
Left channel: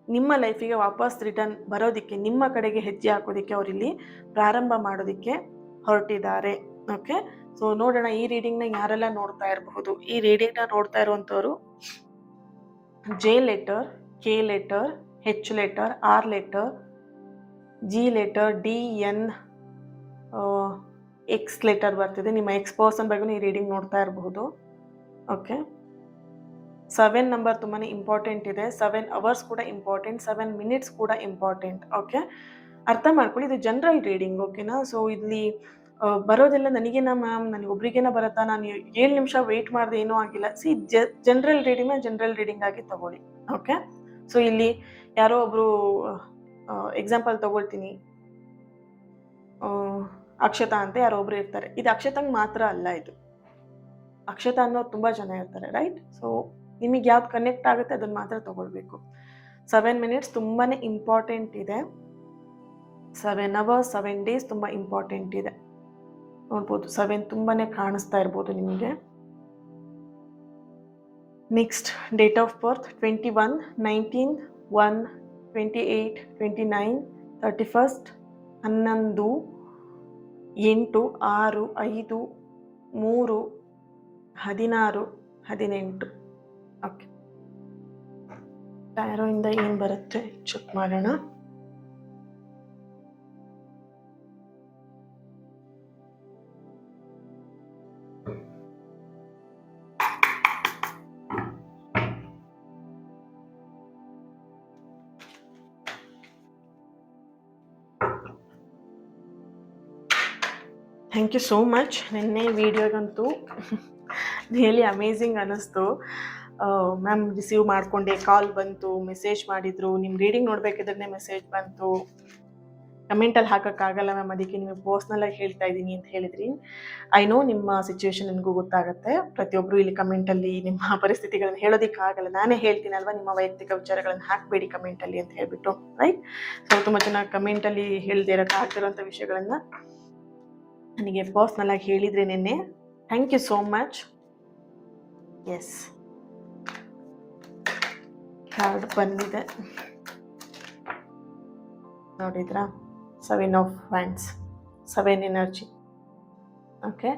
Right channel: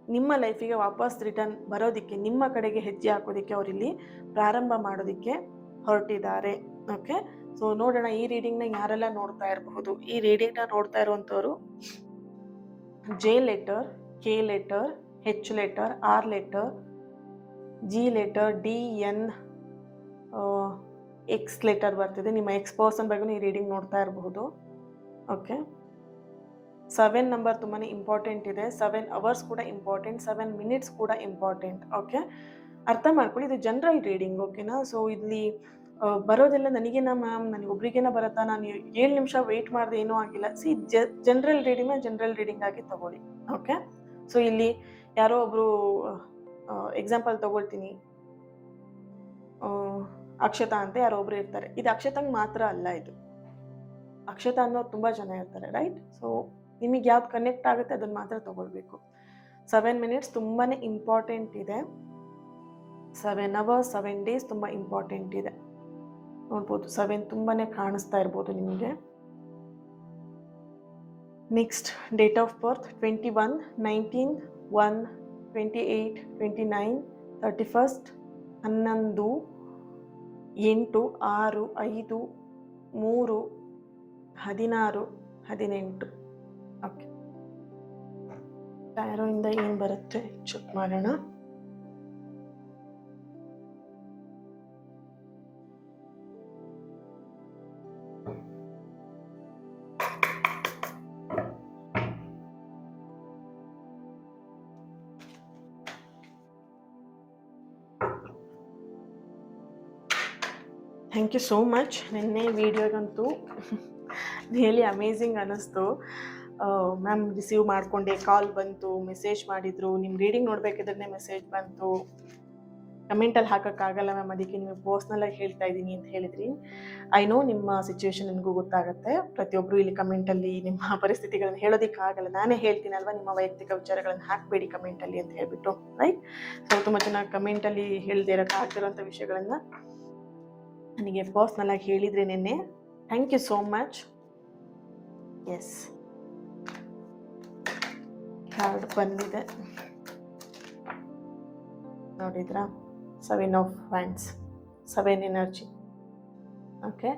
ನಿಮ್ಮ ಲೈಫಿಗೆ ವಾಪಸ್ ರಿಟರ್ನ್ ಬರೋದಕ್ಕೆ, ನಿಮ್ಮ ಕಡೆಗೆ ಹೆಜ್ಜೆ ಹಾಕೋದಕ್ಕೆ ಅವರಿಲ್ಲಿ ಪ್ರಾರಂಭ ಮಾಡೋದಕ್ಕೆ ಹೊರಟಿದ್ದಾರೆ. ಓಕೆ, ಸೊ ನೋಡೋಣ ಈ ರೀಡಿಂಗ್ನ ಯಾರೆಲ್ಲ ನೋಡ್ತಾ ಇರಬಹುದು. ಈ ರೀಡಿಂಗ್ನ ನೋಡ್ತಾ ಇರುವಂಥವ್ರು J letter, K letter, H letter, R letter, G letter, D, N, X letter ಬರ್ತಿದೆ. ನಿಮ್ಮ ಎಕ್ಸ್ ಪರ್ಸನ್ ಬಗ್ಗೆ ಈ ರೀಡಿಂಗ್ ನೋಡ್ತಾ ಇರಬಹುದು. ಓಕೆ, 7 ನಂಬರ್ ತುಂಬಾ ಇಂಪಾರ್ಟೆಂಟ್ ಇದೆ. 7 ಅವರ್ಸ್ ಕೂಡ ಇಂಪಾರ್ಟೆಂಟ್, 7 ಮಿನಿಟ್ಸ್ ಕೂಡ ಇಂಪಾರ್ಟೆಂಟ್. ಓಕೆ, ಅರ್ಥ ಮಾಡ್ಕೊಳ್ಳಿ, ಇದು ಜನರಲ್ ರೀಡಿಂಗ್. ಓಕೆನಾ? ಸೊ ಇಲ್ಲಿ ಬರೋದೆಲ್ಲ ನನಗೇನಾ ಮ್ಯಾಮ್, ನನಗೊಬ್ರಿಗೇನ ಬರುತ್ತಾ, ನಾನು 7 ನಿಮಿಷ ವೆಯ್ಟ್ ಮಾಡಿದೆ ಏನೂ ಆಗಿಲ್ಲ. ಜನರಲ್ ರೀಡಿಂಗ್ ಆಗಿ ತಗೊಳ್ಳಿ. ಓಕೆ, ಸೊ ಇಲ್ಲಿ ಯಾರೋ ಒಬ್ಬರು ಎಕ್ಸಾಂಪಲ್ ತಗೊಳ್ತೀನಿ, ಅಕ್ಷತಾ ಅಂತ ಯಾರೋ ಒಬ್ರು ಇರ್ತಾರೆ. ಇದು ಅಕ್ಷತಂಗೆ ಮಾತ್ರ ಅಲ್ಲ, ಇದು ಅಕ್ಷತಾ ಅನ್ನೋರು ತುಂಬ ಜನ ಇರ್ತಾರೆ, ರೈಟ್? ಸೊ ನಿಮಗೆ ಯಾವ್ದು ಕನೆಕ್ಟ್ ಆಗುತ್ತೆ ಅದನ್ನು ಮಾತ್ರ ತಗೊಳ್ಬೇಕು. 7 ಮಿನಿಟ್ಸ್ ತುಂಬಾ ಇಂಪಾರ್ಟೆಂಟ್ ಇದೆ. 7 ಅವರ್ಸ್ 7 ಡೇಸ್ ತುಂಬ ಇಂಪಾರ್ಟೆಂಟ್ ಇದೆ. ನೋಡ್ಬೋದು 7 ತುಂಬಾ ಕಾಣಿಸ್ತಾ ಇರ್ಬೋದು ನಿಮಗೆ. Next date of birth 21, 19, 1, 28, 29, 31st, 11, 8, 6, 5, 3, 16, 18. Okay, ಟ್ಯಾರೋಯಿಂದ ಏನು ಬರುತ್ತೆ ಚೆಕ್ ಮಾಡೋಣ. Thank you so much. ನಿನ್ನೆ ವಿಡಿಯೋಗಂತೂ ರಿಯಲಿ ಅಮೇಝಿಂಗ್ ಅನ್ನಿಸ್ತು. ಮ್ಯಾಮ್ ರಿಸೀವ್ ಮಾಡಿಕೊಂಡೆ, ಕಾಲ್ ಬಂತು, ಮೆಸೇಜ್ ಮಾಡಿದರು, ನಿಮ್ಮ ರೀಡಿಂಗ್ ನೋಡಬೇಕಿದ್ರೆ ಮೆಸೇಜ್ ಬಂತು, ಕಮೆಂಟಲ್ಲಿ ಹಾಕೋಕ್ಕಾಗಲ್ಲ ಮ್ಯಾಮ್, ಅದಕ್ಕೆ ನೀವು ಪರ್ಸ್ನಲಾಗಿ ಹೇಳ್ತಾ ಇದ್ದೀನಿ ಅಂತ ಹೇಳಿದ್ರಿ. ಐ ನೋ ನಿಮ್ಮ ಸಿಚುವೇಶನ್ ನನಗೂ ಗೊತ್ತಾಗುತ್ತೆ. ಪ್ರತಿಯೊಬ್ಬರು ಇಲ್ಲಿ ಕಮೆಂಟಲ್ಲಿ ನಿಮ್ಮ ಪರಿಸ್ಥಿತಿಗಳನ್ನು ಹೇಳೋದಕ್ಕಾಗಲ್ಲ, ನಾನೇ ಹೇಳ್ತೀನಲ್ವ, ನಿಮ್ಮ ವೈಯಕ್ತಿಕ ವಿಚಾರಗಳನ್ನು ಹಾಕಬೇಡಿ ಕಮೆಂಟಲ್ಲಿ ಅಂತ ಹೇಳ್ಬಿಟ್ಟು, ರೈಟ್? ಸೊ ತುಂಬ ಜನ ಕಮೆಂಟಲ್ಲಿ ಹೇಳದೇ ಇರೋಕ್ಕಾಗ್ತಿರೋಂಥ ವಿಷಯಗಳನ್ನು ನನಗೆ ಪರ್ಸ್ನಲ್ ಆಗಿ ಹೇಳಿದ್ರೆ ನಿನ್ನೆ. Thank you so much. Yes, card ಬಂದಿದೆ ನೋಡಿದ್ರಾ? 7 of wands, 7 energy. Okay,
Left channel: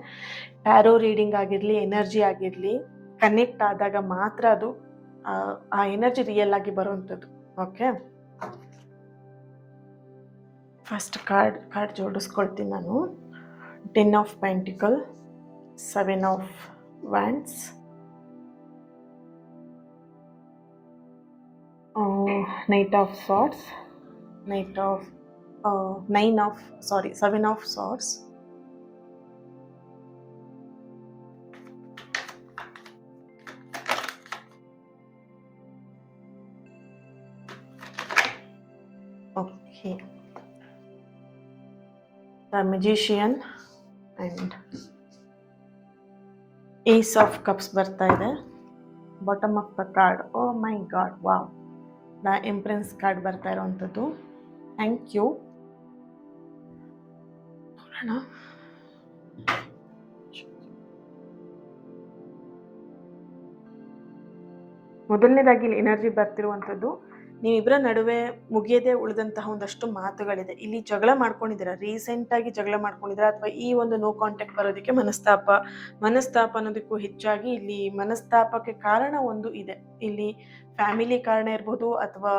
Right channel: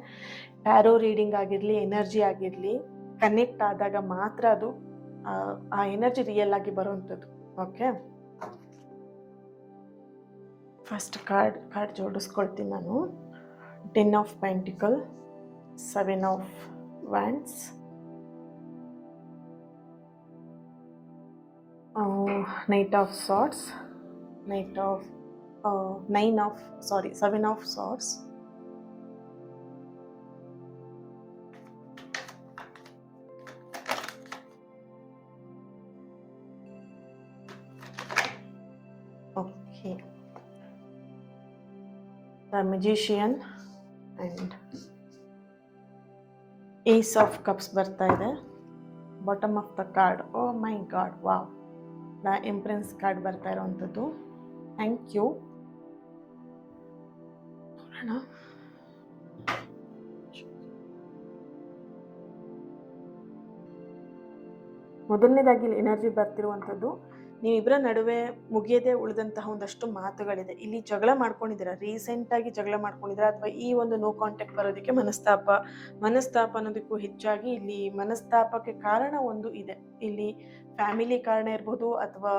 tarot reading ಆಗಿರಲಿ, ಎನರ್ಜಿ ಆಗಿರಲಿ, ಕನೆಕ್ಟ್ ಆದಾಗ ಮಾತ್ರ ಅದು ಆ ಎನರ್ಜಿ ರಿಯಲ್ ಆಗಿ ಬರುವಂಥದ್ದು. ಓಕೆ, ಫಸ್ಟ್ ಕಾರ್ಡ್ ಜೋಡಿಸ್ಕೊಳ್ತೀನಿ ನಾನು. 10 of Pentacle, 7 of Wands, Knight of Swords, 7 of Swords, okay, the Magician and Ace of Cups ಬರ್ತಾ ಇದೆ. Bottom of the card, oh my god, wow, the empress card ಬರ್ತಾ ಇರೋವಂಥದ್ದು. Thank you. ಮೊದಲನೇದಾಗಿ ಇಲ್ಲಿ energy ಬರ್ತಿರುವಂಥದ್ದು, ನೀವಿಬ್ಬರ ನಡುವೆ ಮುಗಿಯದೇ ಉಳಿದಂತಹ ಒಂದಷ್ಟು ಮಾತುಗಳಿದೆ. ಇಲ್ಲಿ ಜಗಳ ಮಾಡ್ಕೊಂಡಿದ್ದೀರಾ, ರೀಸೆಂಟಾಗಿ ಜಗಳ ಮಾಡ್ಕೊಂಡಿದ್ದೀರಾ, ಅಥವಾ ಈ ಒಂದು ನೋ ಕಾಂಟ್ಯಾಕ್ಟ್ ಬರೋದಕ್ಕೆ ಮನಸ್ತಾಪ ಅನ್ನೋದಕ್ಕೂ ಹೆಚ್ಚಾಗಿ ಇಲ್ಲಿ ಮನಸ್ತಾಪಕ್ಕೆ ಕಾರಣ ಒಂದು ಇದೆ. ಇಲ್ಲಿ ಫ್ಯಾಮಿಲಿ ಕಾರಣ ಇರ್ಬೋದು, ಅಥವಾ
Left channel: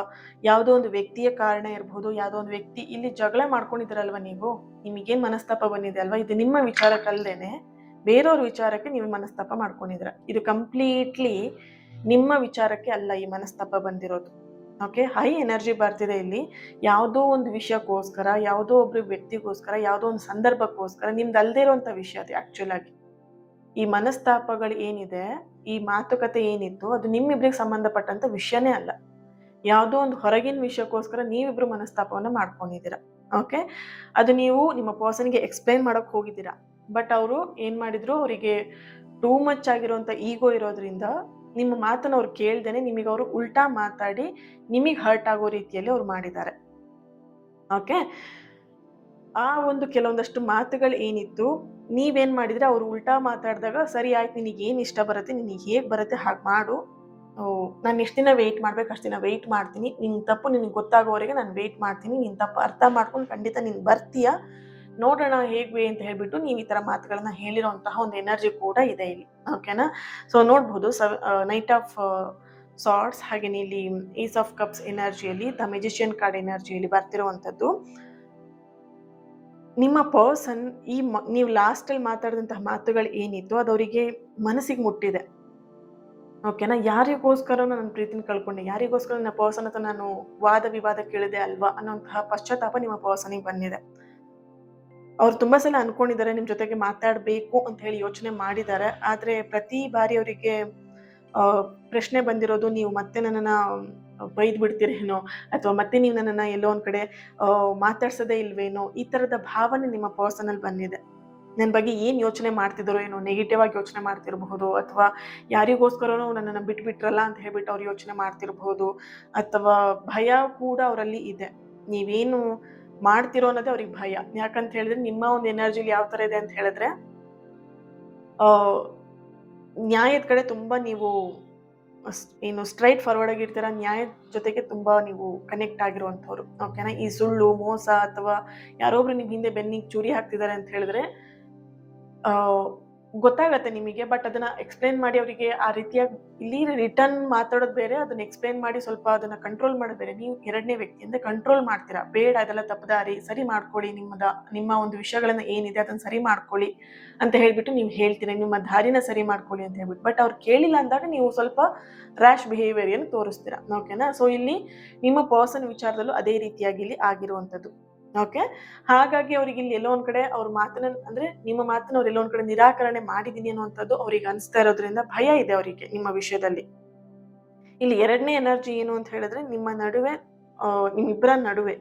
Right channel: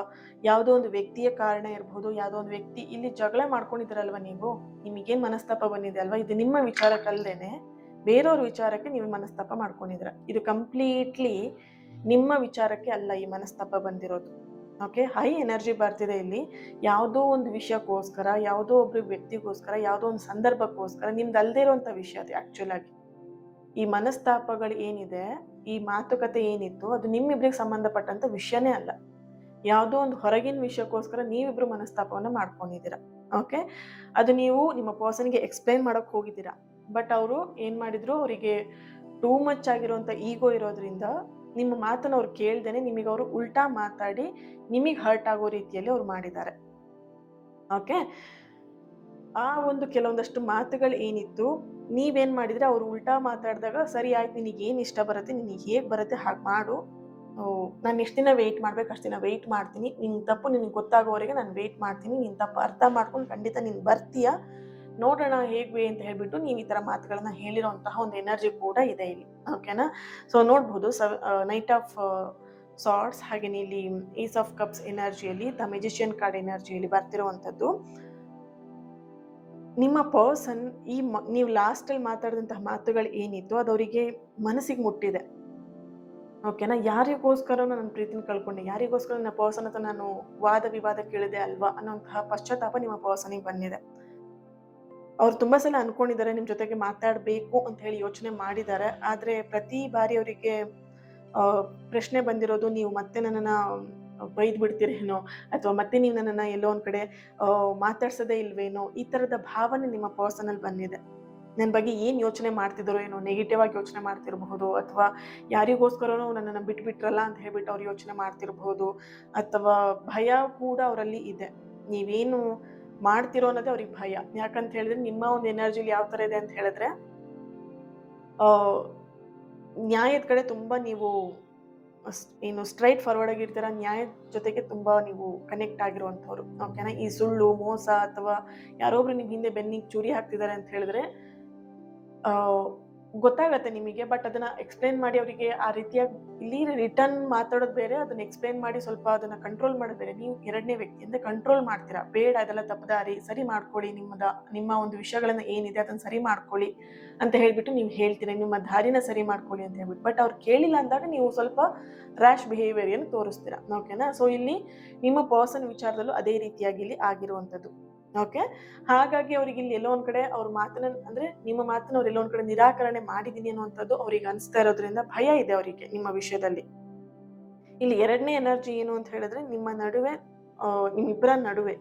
ಯಾವುದೋ ಒಂದು ವ್ಯಕ್ತಿಯ ಕಾರಣ ಇರ್ಬೋದು. ಯಾವುದೋ ಒಂದು ವ್ಯಕ್ತಿ ಇಲ್ಲಿ ಜಗಳ ಮಾಡ್ಕೊಂಡಿದ್ದೀರಲ್ವ ನೀವು, ನಿಮಗೇನು ಮನಸ್ತಾಪ ಬಂದಿದೆ ಅಲ್ವಾ, ಇದು ನಿಮ್ಮ ವಿಚಾರಕ್ಕಲ್ದೇನೆ ಬೇರೆಯವ್ರ ವಿಚಾರಕ್ಕೆ ನೀವು ಮನಸ್ತಾಪ ಮಾಡ್ಕೊಂಡಿದ್ದೀರ. ಇದು ಕಂಪ್ಲೀಟ್ಲಿ ನಿಮ್ಮ ವಿಚಾರಕ್ಕೆ ಅಲ್ಲ ಈ ಮನಸ್ತಾಪ ಬಂದಿರೋದು. ಓಕೆ, ಹೈ ಎನರ್ಜಿ ಬರ್ತಿದೆ ಇಲ್ಲಿ. ಯಾವುದೋ ಒಂದು ವಿಷಯಕ್ಕೋಸ್ಕರ, ಯಾವುದೋ ಒಬ್ಬರು ವ್ಯಕ್ತಿಗೋಸ್ಕರ, ಯಾವುದೋ ಒಂದು ಸಂದರ್ಭಕ್ಕೋಸ್ಕರ, ನಿಮ್ದು ಅಲ್ಲದೆ ಇರೋಂಥ ವಿಷಯ ಅದು. ಆ್ಯಕ್ಚುಲ್ ಆಗಿ ಈ ಮನಸ್ತಾಪಗಳು ಏನಿದೆ, ಈ ಮಾತುಕತೆ ಏನಿತ್ತು, ಅದು ನಿಮ್ಮಿಬ್ರಿಗೆ ಸಂಬಂಧಪಟ್ಟಂಥ ವಿಷಯನೇ ಅಲ್ಲ. ಯಾವುದೋ ಒಂದು ಹೊರಗಿನ ವಿಷಯಕ್ಕೋಸ್ಕರ ನೀವಿಬ್ರು ಮನಸ್ತಾಪವನ್ನು ಮಾಡ್ಕೊಂಡಿದ್ದೀರಾ. ಓಕೆ, ಅದು ನೀವು ನಿಮ್ಮ ಪರ್ಸನ್ಗೆ ಎಕ್ಸ್ಪ್ಲೈನ್ ಮಾಡೋಕ್ಕೆ ಹೋಗಿದ್ದೀರಾ. ಬಟ್ ಅವರು ಏನು ಮಾಡಿದ್ರು, ಅವರಿಗೆ ಟೂ ಮಚ್ ಆಗಿರೋಂಥ ಈಗೋ ಇರೋದ್ರಿಂದ ನಿಮ್ಮ ಮಾತನ್ನು ಅವ್ರು ಕೇಳ್ದೇನೆ ನಿಮಗೆ ಅವರು ಉಲ್ಟಾ ಮಾತಾಡಿ ನಿಮಗೆ ಹರ್ಟ್ ಆಗೋ ರೀತಿಯಲ್ಲಿ ಅವ್ರು ಮಾಡಿದ್ದಾರೆ. ಓಕೆ, ಆ ಒಂದು ಕೆಲವೊಂದಷ್ಟು ಮಾತುಗಳು ಏನಿತ್ತು, ನೀವೇನು ಮಾಡಿದರೆ ಅವರು ಉಲ್ಟಾ ಮಾತಾಡಿದಾಗ, ಸರಿ ಆಯ್ತು, ನಿನಗೆ ಏನು ಇಷ್ಟ ಬರುತ್ತೆ, ನಿನಗೆ ಹೇಗೆ ಬರುತ್ತೆ ಹಾಗೆ ಮಾಡು, ನಾನು ಎಷ್ಟು ದಿನ ವೆಯ್ಟ್ ಮಾಡ್ಬೇಕು ಅಷ್ಟು ದಿನ ವೆಯ್ಟ್ ಮಾಡ್ತೀನಿ, ನಿನ್ನ ತಪ್ಪು ನಿನಗೆ ಗೊತ್ತಾಗೋವರೆಗೆ ನಾನು ವೆಯ್ಟ್ ಮಾಡ್ತೀನಿ, ನಿನ್ನ ತಪ್ಪು ಅರ್ಥ ಮಾಡ್ಕೊಂಡು ಖಂಡಿತ ನೀನು ಬರ್ತೀಯ, ನೋಡೋಣ ಹೇಗೆ ಅಂತ ಹೇಳ್ಬಿಟ್ಟು ನೀವು ಈ ಥರ ಮಾತುಗಳನ್ನ ಹೇಳಿರೋಂತಹ ಒಂದು ಎನರ್ಜಿ ಕೂಡ ಇದೆ ಇಲ್ಲಿ. ಓಕೆನಾ? ಸೊ ನೋಡ್ಬೋದು, ನೈಟ್ ಆಫ್ ಸಾರ್ಟ್ಸ್, ಹಾಗೆಯೇ ಇಲ್ಲಿ ಏಸ್ ಆಫ್ ಕಪ್ಸ್ ಎನರ್ಜಿಯಲ್ಲಿ, ದ ಮೆಜಿಷಿಯನ್ ಕಾರ್ಡ್ ಎನರ್ಜಿಯಲ್ಲಿ ಬರ್ತಿರುವಂಥದ್ದು. ನಿಮ್ಮ ಪರ್ಸನ್ ನೀವು ಲಾಸ್ಟಲ್ಲಿ ಮಾತಾಡಿದಂತಹ ಮಾತುಗಳು ಏನಿತ್ತು ಅದು ಅವರಿಗೆ ಮನಸ್ಸಿಗೆ ಮುಟ್ಟಿದೆ. ಓಕೆನಾ? ಯಾರಿಗೋಸ್ಕರ ನನ್ನ ಪ್ರೀತಿನ ಕಳ್ಕೊಂಡೆ, ಯಾರಿಗೋಸ್ಕರ ನನ್ನ ಪರ್ಸನ್ ಹತ್ರ ನಾನು ವಾದ ವಿವಾದ ಕೇಳಿದೆ ಅಲ್ವಾ ಅನ್ನೋಂತಹ ಪಶ್ಚಾತ್ತಾಪ ನಿಮ್ಮ ಪರ್ಸನಿಗೆ ಬಂದಿದೆ. ಅವ್ರು ತುಂಬ ಸಲ ಅನ್ಕೊಂಡಿದ್ದಾರೆ ನಿಮ್ಮ ಜೊತೆಗೆ ಮಾತಾಡಬೇಕು ಅಂತ ಹೇಳಿ ಯೋಚನೆ ಮಾಡಿದ್ದಾರೆ. ಆದರೆ ಪ್ರತಿ ಬಾರಿ ಅವರಿಗೆ ಪ್ರಶ್ನೆ ಬಂದಿರೋದು, ನೀವು ಮತ್ತೆ ನನ್ನನ್ನು ಬೈದು ಬಿಡ್ತೀರೇನೋ, ಅಥವಾ ಮತ್ತೆ ನೀವು ನನ್ನನ್ನು ಎಲ್ಲೋ ಒಂದು ಕಡೆ ಮಾತಾಡ್ಸೋದೇ ಇಲ್ವೇನೋ, ಈ ಥರದ ಭಾವನೆ ನಿಮ್ಮ ಪರ್ಸನಲ್ಲಿ ಬಂದಿದೆ. ನನ್ನ ಬಗ್ಗೆ ಏನು ಯೋಚನೆ ಮಾಡ್ತಿದ್ದಾರೋ ಏನೋ, ನೆಗೆಟಿವ್ ಆಗಿ ಯೋಚನೆ ಮಾಡ್ತಿರಬಹುದು, ಅಥವಾ ಯಾರಿಗೋಸ್ಕರನೋ ನನ್ನನ್ನು ಬಿಟ್ಬಿಟ್ರಲ್ಲ ಅಂತ ಹೇಳ್ಬಿಟ್ಟು ಅವ್ರು ಯೋಚನೆ ಮಾಡ್ತಿರಬಹುದು, ಅಥವಾ ಭಯ ಕೂಡ ಅವರಲ್ಲಿ ಇದೆ. ನೀವೇನು ಮಾಡ್ತಿರೋ ಅನ್ನೋದೇ ಅವ್ರಿಗೆ ಭಯ. ಯಾಕಂತ ಹೇಳಿದ್ರೆ ನಿಮ್ಮ ಒಂದು ಎನರ್ಜಿಲಿ ಯಾವ ಥರ ಇದೆ ಅಂತ ಹೇಳಿದ್ರೆ, ನ್ಯಾಯದ ಕಡೆ ತುಂಬ ನೀವು ಏನು ಸ್ಟ್ರೈಟ್ ಫಾರ್ವರ್ಡ್ ಆಗಿರ್ತೀರ, ನ್ಯಾಯದ ಜೊತೆಗೆ ತುಂಬ ನೀವು ಕನೆಕ್ಟ್ ಆಗಿರುವಂಥವ್ರು. ಓಕೆನಾ? ಈ ಸುಳ್ಳು, ಮೋಸ ಅಥವಾ ಯಾರೊಬ್ರು ನಿಮ್ಮ ಹಿಂದೆ ಬೆನ್ನಿಗೆ ಚೂರಿ ಹಾಕ್ತಿದ್ದಾರೆ ಅಂತ ಹೇಳಿದ್ರೆ ಗೊತ್ತಾಗತ್ತೆ ನಿಮಗೆ. ಬಟ್ ಅದನ್ನ ಎಕ್ಸ್‌ಪ್ಲೇನ್ ಮಾಡಿ ಅವರಿಗೆ ಆ ರೀತಿಯಾಗಿ ಇಲ್ಲಿ ರಿಟರ್ನ್ ಮಾತಾಡೋದು ಬೇರೆ, ಅದನ್ನ ಎಕ್ಸ್‌ಪ್ಲೇನ್ ಮಾಡಿ ಸ್ವಲ್ಪ ಅದನ್ನ ಕಂಟ್ರೋಲ್ ಮಾಡೋದು ಬೇರೆ. ನೀವು 2ನೇ ವ್ಯಕ್ತಿಯಿಂದ ಕಂಟ್ರೋಲ್ ಮಾಡ್ತೀರಾ. ಬೇಡ ಅದೆಲ್ಲ ತಪ್ಪು ದಾರಿ, ಸರಿ ಮಾಡ್ಕೊಳ್ಳಿ, ನಿಮ್ಮ ಒಂದು ವಿಷಯಗಳನ್ನ ಏನಿದೆ ಅದನ್ನ ಸರಿ ಮಾಡ್ಕೊಳ್ಳಿ ಅಂತ ಹೇಳ್ಬಿಟ್ಟು ನೀವು ಹೇಳ್ತೀರಾ. ನಿಮ್ಮ ದಾರಿನ ಸರಿ ಮಾಡ್ಕೊಳ್ಳಿ ಅಂತ ಹೇಳ್ಬಿಟ್ಟು. ಬಟ್ ಅವ್ರು ಕೇಳಿಲ್ಲ ಅಂದಾಗ ನೀವು ಸ್ವಲ್ಪ ರ್ಯಾಶ್ ಬಿಹೇವಿಯರ್ ತೋರಿಸ್ತೀರಾ. ಓಕೆನಾ? ಸೊ ಇಲ್ಲಿ ನಿಮ್ಮ ಪರ್ಸನ್ ವಿಚಾರದಲ್ಲೂ ಅದೇ ರೀತಿಯಾಗಿ ಇಲ್ಲಿ ಆಗಿರುವಂಥದ್ದು. ಓಕೆ. ಹಾಗಾಗಿ ಅವ್ರಿಗೆ ಇಲ್ಲಿ ಎಲ್ಲೋ ಒಂದ್ ಕಡೆ ಅವ್ರ ಮಾತನ್ನ ಅಂದ್ರೆ ನಿಮ್ಮ ಮಾತನ್ನ ಅವ್ರು ಎಲ್ಲೋ ಒಂದ್ ಕಡೆ ನಿರಾಕರಣೆ ಮಾಡಿದೀನಿ ಅನ್ನುವಂಥದ್ದು ಅವ್ರಿಗೆ ಅನಿಸ್ತಾ ಇರೋದ್ರಿಂದ ಭಯ ಇದೆ ಅವರಿಗೆ ನಿಮ್ಮ ವಿಷಯದಲ್ಲಿ. ಇಲ್ಲಿ 2ನೇ ಎನರ್ಜಿ ಏನು ಅಂತ ಹೇಳಿದ್ರೆ ನಿಮ್ಮ ನಡುವೆ ನಿಮ್ಮಿಬ್ಬರ ನಡುವೆ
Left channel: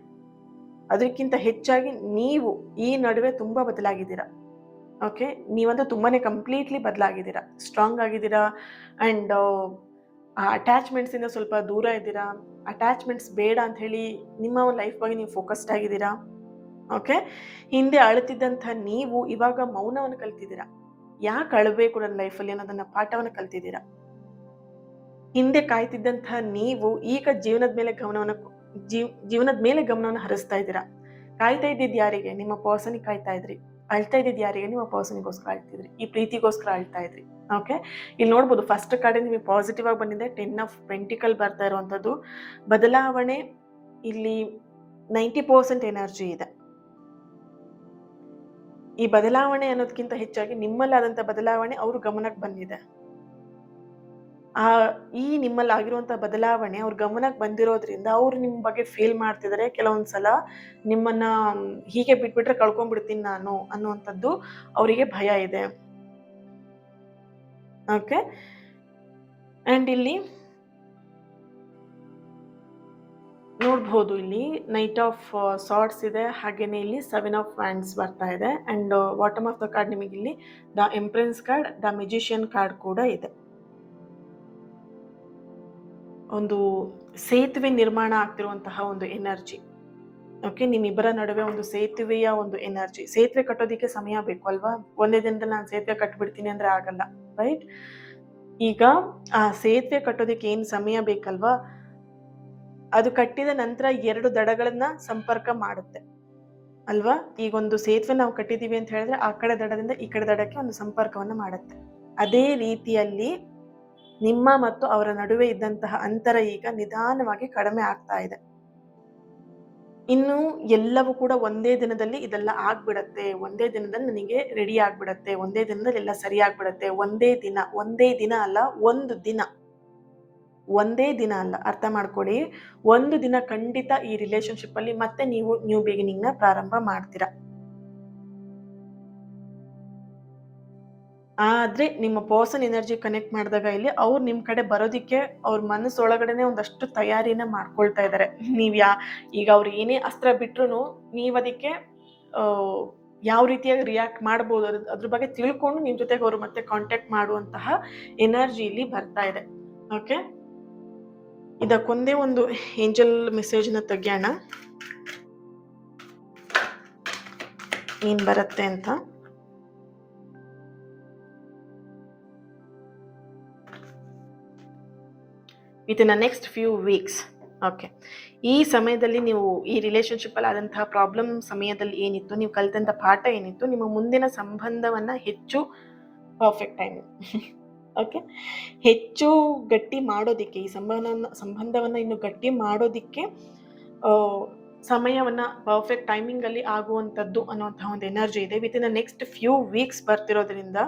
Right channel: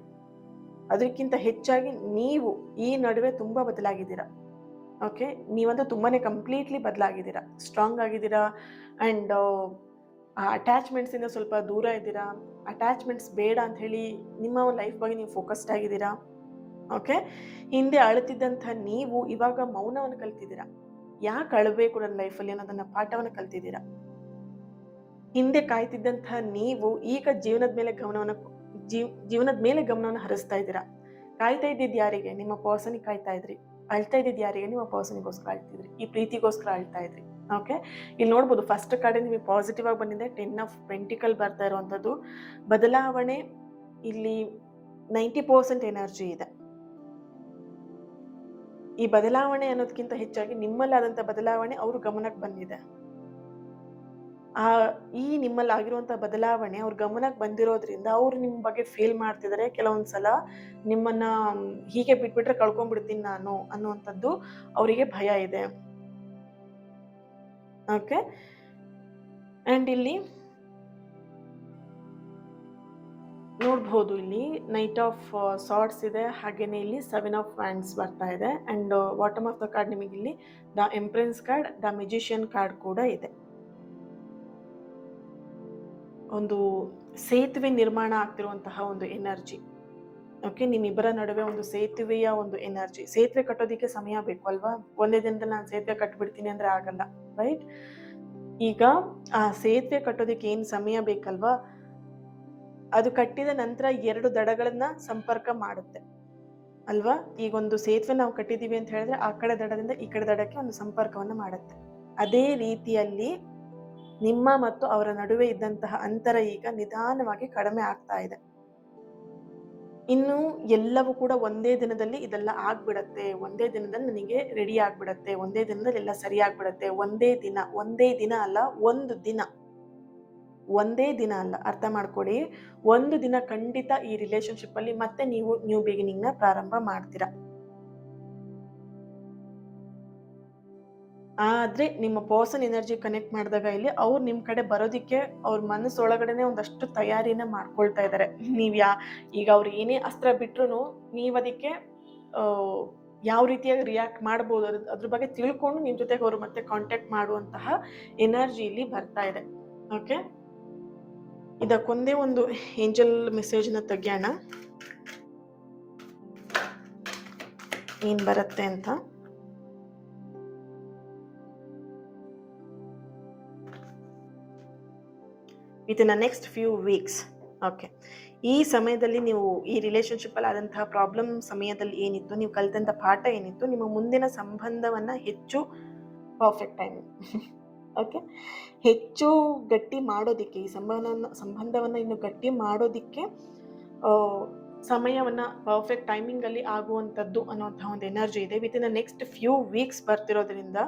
ಅದಕ್ಕಿಂತ ಹೆಚ್ಚಾಗಿ ನೀವು ಈ ನಡುವೆ ತುಂಬಾ ಬದಲಾಗಿದ್ದೀರಾ. ಓಕೆ. ನೀವಂತೂ ತುಂಬಾನೇ ಕಂಪ್ಲೀಟ್ಲಿ ಬದಲಾಗಿದ್ದೀರಾ, ಸ್ಟ್ರಾಂಗ್ ಆಗಿದ್ದೀರಾ ಅಂಡ್ ಅಟ್ಯಾಚ್ಮೆಂಟ್ಸ್ ಇಂದ ಸ್ವಲ್ಪ ದೂರ ಇದ್ದೀರಾ. ಅಟ್ಯಾಚ್ಮೆಂಟ್ಸ್ ಬೇಡ ಅಂತ ಹೇಳಿ ನಿಮ್ಮ ಲೈಫ್ ಬಗ್ಗೆ ನೀವು ಫೋಕಸ್ಡ್ ಆಗಿದ್ದೀರಾ. ಓಕೆ. ಹಿಂದೆ ಅಳುತ್ತಿದ್ದಂಥ ನೀವು ಇವಾಗ ಮೌನವನ್ನು ಕಲ್ತಿದ್ದೀರಾ. ಯಾಕೆ ಅಳಬೇಕು ನನ್ನ ಲೈಫಲ್ಲಿ ಅನ್ನೋದನ್ನ ಪಾಠವನ್ನು ಕಲ್ತಿದ್ದೀರಾ. ಹಿಂದೆ ಕಾಯ್ತಿದ್ದಂಥ ನೀವು ಈಗ ಜೀವನದ ಮೇಲೆ ಗಮನವನ್ನು ಹರಿಸ್ತಾ ಇದ್ದೀರಾ. ಕಾಯ್ತಾ ಇದ್ದಿದ್ದು ಯಾರಿಗೆ? ನಿಮ್ಮ ಪರ್ಸನಿಗೆ ಕಾಯ್ತಾ ಇದ್ರಿ. ಅಳ್ತಾ ಇದ್ದಿದ್ದು ಯಾರಿಗೆ? ನಿಮ್ಮ ಪರ್ಸನಿಗೋಸ್ಕರ ಅಳ್ತಿದ್ರಿ. ಈ ಪ್ರೀತಿಗೋಸ್ಕರ ಅಳ್ತಾ ಇದ್ರಿ. ಓಕೆ. ಇಲ್ಲಿ ನೋಡ್ಬೋದು ಫಸ್ಟ್ ಕಾರ್ಡ್ ನಿಮಗೆ ಪಾಸಿಟಿವ್ ಆಗಿ ಬಂದಿದೆ. 10 ಆಫ್ ಪೆಂಟಿಕಲ್ ಬರ್ತಾ ಇರುವಂಥದ್ದು ಬದಲಾವಣೆ. ಇಲ್ಲಿ 90% ಎನರ್ಜಿ ಇದೆ. ಈ ಬದಲಾವಣೆ ಅನ್ನೋದಕ್ಕಿಂತ ಹೆಚ್ಚಾಗಿ ನಿಮ್ಮಲ್ಲಾದಂಥ ಬದಲಾವಣೆ ಅವ್ರ ಗಮನಕ್ಕೆ ಬಂದಿದೆ. ಈ ನಿಮ್ಮಲ್ಲಿ ಆಗಿರುವಂಥ ಬದಲಾವಣೆ ಅವ್ರ ಗಮನಕ್ಕೆ ಬಂದಿರೋದ್ರಿಂದ ಅವ್ರು ನಿಮ್ಮ ಬಗ್ಗೆ ಫೀಲ್ ಮಾಡ್ತಿದ್ದಾರೆ. ಕೆಲವೊಂದ್ಸಲ ನಿಮ್ಮನ್ನ ಹೀಗೆ ಬಿಟ್ಬಿಟ್ರೆ ಕಳ್ಕೊಂಡ್ಬಿಡ್ತೀನಿ ನಾನು ಅನ್ನುವಂಥದ್ದು ಅವರಿಗೆ ಭಯ ಇದೆ. ಓಕೆ. ಅಂಡ್ ಇಲ್ಲಿ ನೋಡ್ಬೋದು, ಇಲ್ಲಿ ನೈಟ್ ಆಫ್ ಸಾರ್ಟ್ಸ್ ಇದೆ, ಹಾಗೇನೆ ಇಲ್ಲಿ 7 ಆಫ್ ವ್ಯಾಂಡ್ಸ್ ಬರ್ತಾ ಇದೆ. And bottom of the card ನಿಮಗೆ ಇಲ್ಲಿ the empress card, the magician card ಕೂಡ ಇದೆ. ಒಂದು ಸೇತುವೆ ನಿರ್ಮಾಣ ಆಗ್ತಿರುವಂತಹ ಒಂದು ಎನರ್ಜಿ. ಓಕೆ. ನಿಮ್ಮಿಬ್ಬರ ನಡುವೆ ಒಂದು ಸೇತುವೆಯ ಒಂದು ಎನರ್ಜಿ. ಸೇತುವೆ ಕಟ್ಟೋದಿಕ್ಕೆ ಸಮಯ ಬೇಕು ಅಲ್ವಾ? ಒಂದೇ ದಿನದಲ್ಲಿ ನಾನು ಸೇತುವೆ ಕಟ್ಬಿಡ್ತೀನಿ ಅಂದ್ರೆ ಆಗಲ್ಲ, ರೈಟ್? ಈಗ ಆ ಸೇತುವೆ ಕಟ್ಟೋದಿಕ್ಕೆ ಏನ್ ಸಮಯ ಬೇಕಲ್ವಾ, ಅದು ಕಟ್ಟಿದ ನಂತರ 2 ದಡಗಳನ್ನ ಸಂಪರ್ಕ ಮಾಡುತ್ತೆ ಅಲ್ವಾ? ಈಗ ಒಂದು ಸೇತುವೆ ನಾವು ಕಟ್ಟಿದೀವಿ ಅಂತ ಹೇಳಿದ್ರೆ ಆ ಕಡೆ ದಡದಿಂದ ಈ ಕಡೆ ದಡಕ್ಕೆ ಒಂದು ಸಂಪರ್ಕವನ್ನ ಮಾಡುತ್ತೆ. ಅದೇ ರೀತಿಯಲ್ಲಿ ನಿಮ್ಮ ಮತ್ತು ಅವರ ನಡುವೆ ಇದ್ದಂತಹ ಅಂತರ ಈಗ ನಿಧಾನವಾಗಿ ಕಡಿಮೆ ಆಗ್ತಾ ಇದೆ. ಇನ್ನು ಎಲ್ಲವೂ ಕೂಡ ಒಂದೇ ದಿನದಲ್ಲಿ ಇದೆಲ್ಲ ಆಗ್ಬಿಡತ್ತೆ, ಒಂದೇ ದಿನದಲ್ಲಿ ನನಗೆ ರೆಡಿ ಆಗ್ಬಿಡತ್ತೆ, ಒಂದೇ ದಿನದಲ್ಲಿ ಎಲ್ಲ ಸರಿ ಆಗ್ಬಿಡತ್ತೆ. ಒಂದೇ ದಿನ ಅಲ್ಲ, ಒಂದೇ ದಿನ ಅಲ್ಲ, ಅರ್ಥ ಮಾಡ್ಕೊಳ್ಳಿ. ಒಂದು ದಿನ ಖಂಡಿತ ಈ ರಿಲೇಶನ್ಶಿಪ್ ಅಲ್ಲಿ ಮತ್ತೆ ನೀವು ನ್ಯೂ ಬಿಗಿನಿಂಗ್ ನ ಪ್ರಾರಂಭ ಮಾಡ್ತೀರಾ. ಆದ್ರೆ ನಿಮ್ಮ ಪರ್ಸನ್ ಎನರ್ಜಿ ಕನೆಕ್ಟ್ ಮಾಡಿದಾಗ ಇಲ್ಲಿ ಅವ್ರು ನಿಮ್ ಕಡೆ ಬರೋದಿಕ್ಕೆ ಅವ್ರ ಮನಸ್ಸೊಳಗಡೆನೆ ಒಂದಷ್ಟು ತಯಾರಿನ ಮಾಡ್ಕೊಳ್ತಾ ಇದ್ದಾರೆ. ಈಗ ಅವ್ರು ಏನೇ ಅಸ್ತ್ರ ಬಿಟ್ರು ನೀವ್ ಅದಕ್ಕೆ ಯಾವ ರೀತಿಯಾಗಿ ರಿಯಾಕ್ಟ್ ಮಾಡ್ಬೋದು ಅದ್ರ ಬಗ್ಗೆ ತಿಳ್ಕೊಂಡು ನಿಮ್ ಜೊತೆಗೆ ಅವ್ರು ಮತ್ತೆ ಕಾಂಟ್ಯಾಕ್ಟ್ ಮಾಡುವಂತಹ ಎನರ್ಜಿ ಇಲ್ಲಿ ಬರ್ತಾ ಇದೆ. ಓಕೆ. ಇದಕ್ಕೊಂದೇ ಒಂದು ಏಂಜಲ್ ಮೆಸೇಜ್ ನ ತೆಗ್ಯೋಣ, ಏನ್ ಬರುತ್ತೆ ಅಂತ. Within the next few weeks. Okay. ಈ ಸಮಯದಲ್ಲಿ ನೀವು ಈ ರಿಲೇಶನ್ಶಿಪ್ ಅಲ್ಲಿ ಆದಂತಹ ಪ್ರಾಬ್ಲಮ್ ಸಮಯದಲ್ಲಿ ಏನಿತ್ತು, ನೀವು ಕಲಿತಂತ ಪಾಠ ಏನಿತ್ತು, ನಿಮ್ಮ ಮುಂದಿನ ಸಂಬಂಧವನ್ನ ಹೆಚ್ಚು ಪರ್ಫೆಕ್ಟ್ ಟೈಮ್ ಓಕೆ, ಹೆಚ್ಚು ಗಟ್ಟಿ ಮಾಡೋದಿಕ್ಕೆ, ಈ ಸಂಬಂಧವನ್ನ ಇನ್ನು ಗಟ್ಟಿ ಮಾಡೋದಿಕ್ಕೆ ಸಮಯವನ್ನ ಪರ್ಫೆಕ್ಟ್ ಟೈಮಿಂಗ್ ಅಲ್ಲಿ ಆಗುವಂಥದ್ದು ಅನ್ನುವಂತಹ ಒಂದು ಎನರ್ಜಿ ಇದೆ. Within the next few weeks ಬರ್ತಿರೋದ್ರಿಂದ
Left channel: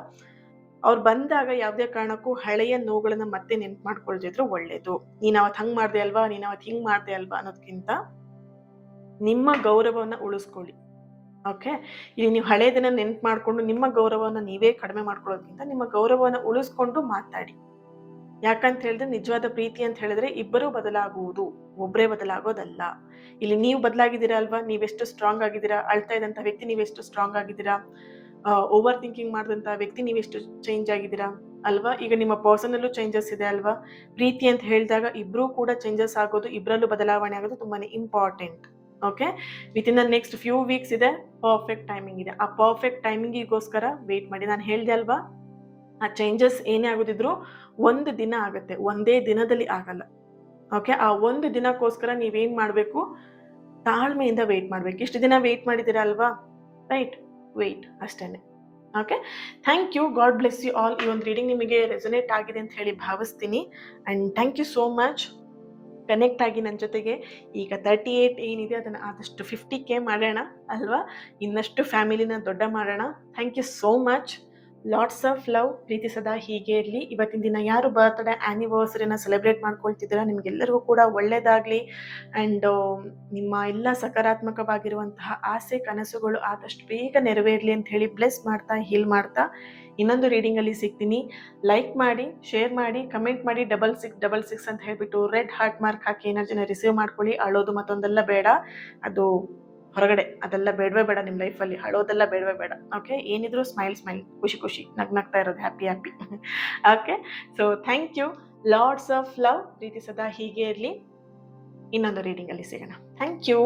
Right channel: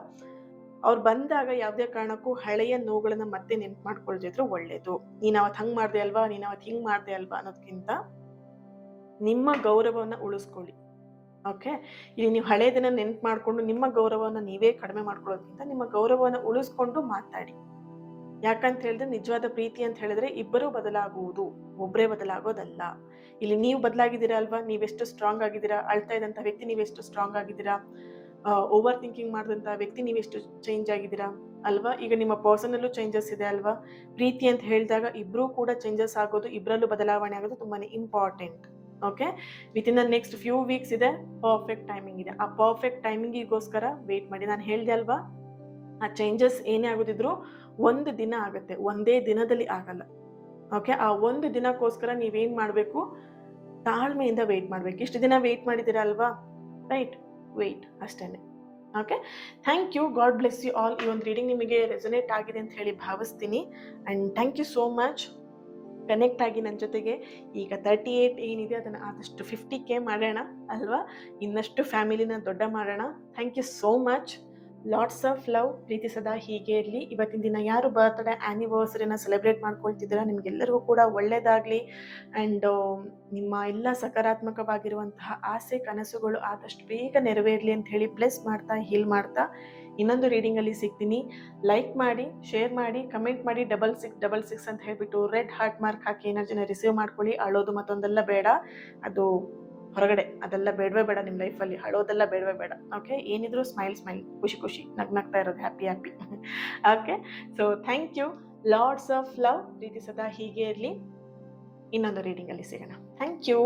ಅವ್ರು ಬಂದಾಗ ಯಾವುದೇ ಕಾರಣಕ್ಕೂ ಹಳೆಯ ನೋವುಗಳನ್ನ ಮತ್ತೆ ನೆನ್ಪು ಮಾಡ್ಕೊಳ್ದಿದ್ರು ಒಳ್ಳೇದು. ನೀನ್ ಅವತ್ ಹಂಗ್ ಮಾಡ್ದೆ ಅಲ್ವಾ, ನೀನ್ ಅವತ್ ಹಿಂಗ್ ಮಾಡ್ದೆ ಅಲ್ವಾ ಅನ್ನೋದಕ್ಕಿಂತ ನಿಮ್ಮ ಗೌರವವನ್ನ ಉಳಿಸ್ಕೊಳ್ಳಿ. ಓಕೆ. ಇಲ್ಲಿ ನೀವು ಹಳೇದನ್ನ ನೆನ್ಪು ಮಾಡ್ಕೊಂಡು ನಿಮ್ಮ ಗೌರವವನ್ನ ನೀವೇ ಕಡಿಮೆ ಮಾಡ್ಕೊಳ್ಳೋದ್ಕಿಂತ ನಿಮ್ಮ ಗೌರವವನ್ನ ಉಳಿಸ್ಕೊಂಡು ಮಾತಾಡಿ. ಯಾಕಂತ ಹೇಳಿದ್ರೆ ನಿಜವಾದ ಪ್ರೀತಿ ಅಂತ ಹೇಳಿದ್ರೆ ಇಬ್ಬರೂ ಬದಲಾಗುವುದು, ಒಬ್ಬರೇ ಬದಲಾಗೋದಲ್ಲ. ಇಲ್ಲಿ ನೀವು ಬದಲಾಗಿದ್ದೀರಾ ಅಲ್ವಾ, ನೀವೆಷ್ಟು ಸ್ಟ್ರಾಂಗ್ ಆಗಿದ್ದೀರಾ, ಅಳ್ತಾ ಇದ್ದಂತ ವ್ಯಕ್ತಿ ನೀವೆಷ್ಟು ಸ್ಟ್ರಾಂಗ್ ಆಗಿದ್ದೀರಾ, ಓವರ್ ಥಿಂಕಿಂಗ್ ಮಾಡಿದಂತಹ ವ್ಯಕ್ತಿ ನೀವೆಷ್ಟು ಚೇಂಜ್ ಆಗಿದ್ದೀರಾ ಅಲ್ವಾ. ಈಗ ನಿಮ್ಮ ಪರ್ಸನಲ್ಲೂ ಚೇಂಜಸ್ ಇದೆ ಅಲ್ವಾ. ಪ್ರೀತಿ ಅಂತ ಹೇಳಿದಾಗ ಇಬ್ರು ಕೂಡ ಚೇಂಜಸ್ ಆಗೋದು, ಇಬ್ಬರಲ್ಲೂ ಬದಲಾವಣೆ ಆಗೋದು ತುಂಬಾನೇ important. Okay. Within the next few weeks ಇದೆ, ಪರ್ಫೆಕ್ಟ್ ಟೈಮಿಂಗ್ ಇದೆ. ಆ ಪರ್ಫೆಕ್ಟ್ ಟೈಮಿಂಗಿಗೋಸ್ಕರ ವೇಟ್ ಮಾಡಿ. ನಾನು ಹೇಳ್ದೆ ಅಲ್ವಾ, ಆ ಚೇಂಜಸ್ ಏನೇ ಆಗೋದಿದ್ರು ಒಂದು ದಿನ ಆಗುತ್ತೆ, ಒಂದೇ ದಿನದಲ್ಲಿ ಆಗಲ್ಲ. ಓಕೆ, ಆ ಒಂದು ದಿನಕ್ಕೋಸ್ಕರ ನೀವೇನ್ ಮಾಡಬೇಕು, ತಾಳ್ಮೆಯಿಂದ ವೆಯ್ಟ್ ಮಾಡಬೇಕು. ಇಷ್ಟು ದಿನ ವೆಯ್ಟ್ ಮಾಡಿದ್ದೀರಾ ಅಲ್ವಾ, ರೈಟ್, ವೆಯ್ಟ್ ಅಷ್ಟೇನೆ. Okay, thank you, God bless you all. ಈ ಒಂದು ರೀಡಿಂಗ್ ನಿಮಗೆ ರೆಸೊನೇಟ್ ಆಗಿದೆ ಅಂತ ಹೇಳಿ ಭಾವಿಸ್ತೀನಿ. And thank you so much connect ಆಗಿ ನನ್ನ ಜೊತೆಗೆ. ಈಗ 38 ಏನಿದೆ ಅದನ್ನು ಆದಷ್ಟು 50K ಮಾಡೋಣ ಅಲ್ವಾ, ಇನ್ನಷ್ಟು ಫ್ಯಾಮಿಲಿನ ದೊಡ್ಡ ಮಾಡೋಣ. Thank you so much. Lots of love, ಪ್ರೀತಿ ಸದಾ ಹೀಗೆ ಇರಲಿ. ಇವತ್ತಿನ ದಿನ ಯಾರು ಬರ್ತ್ಡೇ ಆ್ಯನಿವರ್ಸರಿನ ಸೆಲೆಬ್ರೇಟ್ ಮಾಡ್ಕೊಳ್ತಿದ್ದೀರಾ, ನಿಮಗೆಲ್ಲರಿಗೂ ಕೂಡ ಒಳ್ಳೆಯದಾಗಲಿ. ಆ್ಯಂಡ್ ನಿಮ್ಮ ಎಲ್ಲ ಸಕಾರಾತ್ಮಕವಾಗಿರುವಂತಹ ಆಸೆ ಕನಸುಗಳು ಆದಷ್ಟು ಬೇಗ ನೆರವೇರಲಿ ಅಂತ ಹೇಳಿ ಬ್ಲೆಸ್ ಮಾಡ್ತಾ, ಹೀಲ್ ಮಾಡ್ತಾ ಇನ್ನೊಂದು ರೀಡಿಂಗಲ್ಲಿ ಸಿಗ್ತೀನಿ. ಲೈಕ್ ಮಾಡಿ, ಶೇರ್ ಮಾಡಿ, ಕಮೆಂಟ್ ಮಾಡಿ, 6666 ಅಂತ ಹೇಳಿಬಿಟ್ಟು ರೆಡ್ ಹಾರ್ಟ್ ಮಾರ್ಕ್ ಹಾಕಿ ಎನರ್ಜಿನ ರಿಸೀವ್ ಮಾಡ್ಕೊಳ್ಳಿ. ಅಳೋದು ಮತ್ತೊಂದೆಲ್ಲ ಬೇಡ, ಅದು ಹೊರಗಡೆ, ಅದೆಲ್ಲ ಬೇಡವೇ ಬೇಡ ನಿಮ್ಮ ಲೈಫಲ್ಲಿ, ಅಳೋದೆಲ್ಲ ಬೇಡವೇ ಬೇಡ. ಓಕೆ, ಏನಿದ್ರು ಸ್ಮೈಲ್, ಖುಷಿ ಖುಷಿ, ನಗ್ನಗ್ತಾ ಇರೋದು, happy. Okay, so thank you, lots of love, ಪ್ರೀತಿ ಸದಾ ಹೀಗೆ ಇರಲಿ. ಇನ್ನೊಂದು ರೀಡಿಂಗಲ್ಲಿ ಸಿಗೋಣ. Thank you.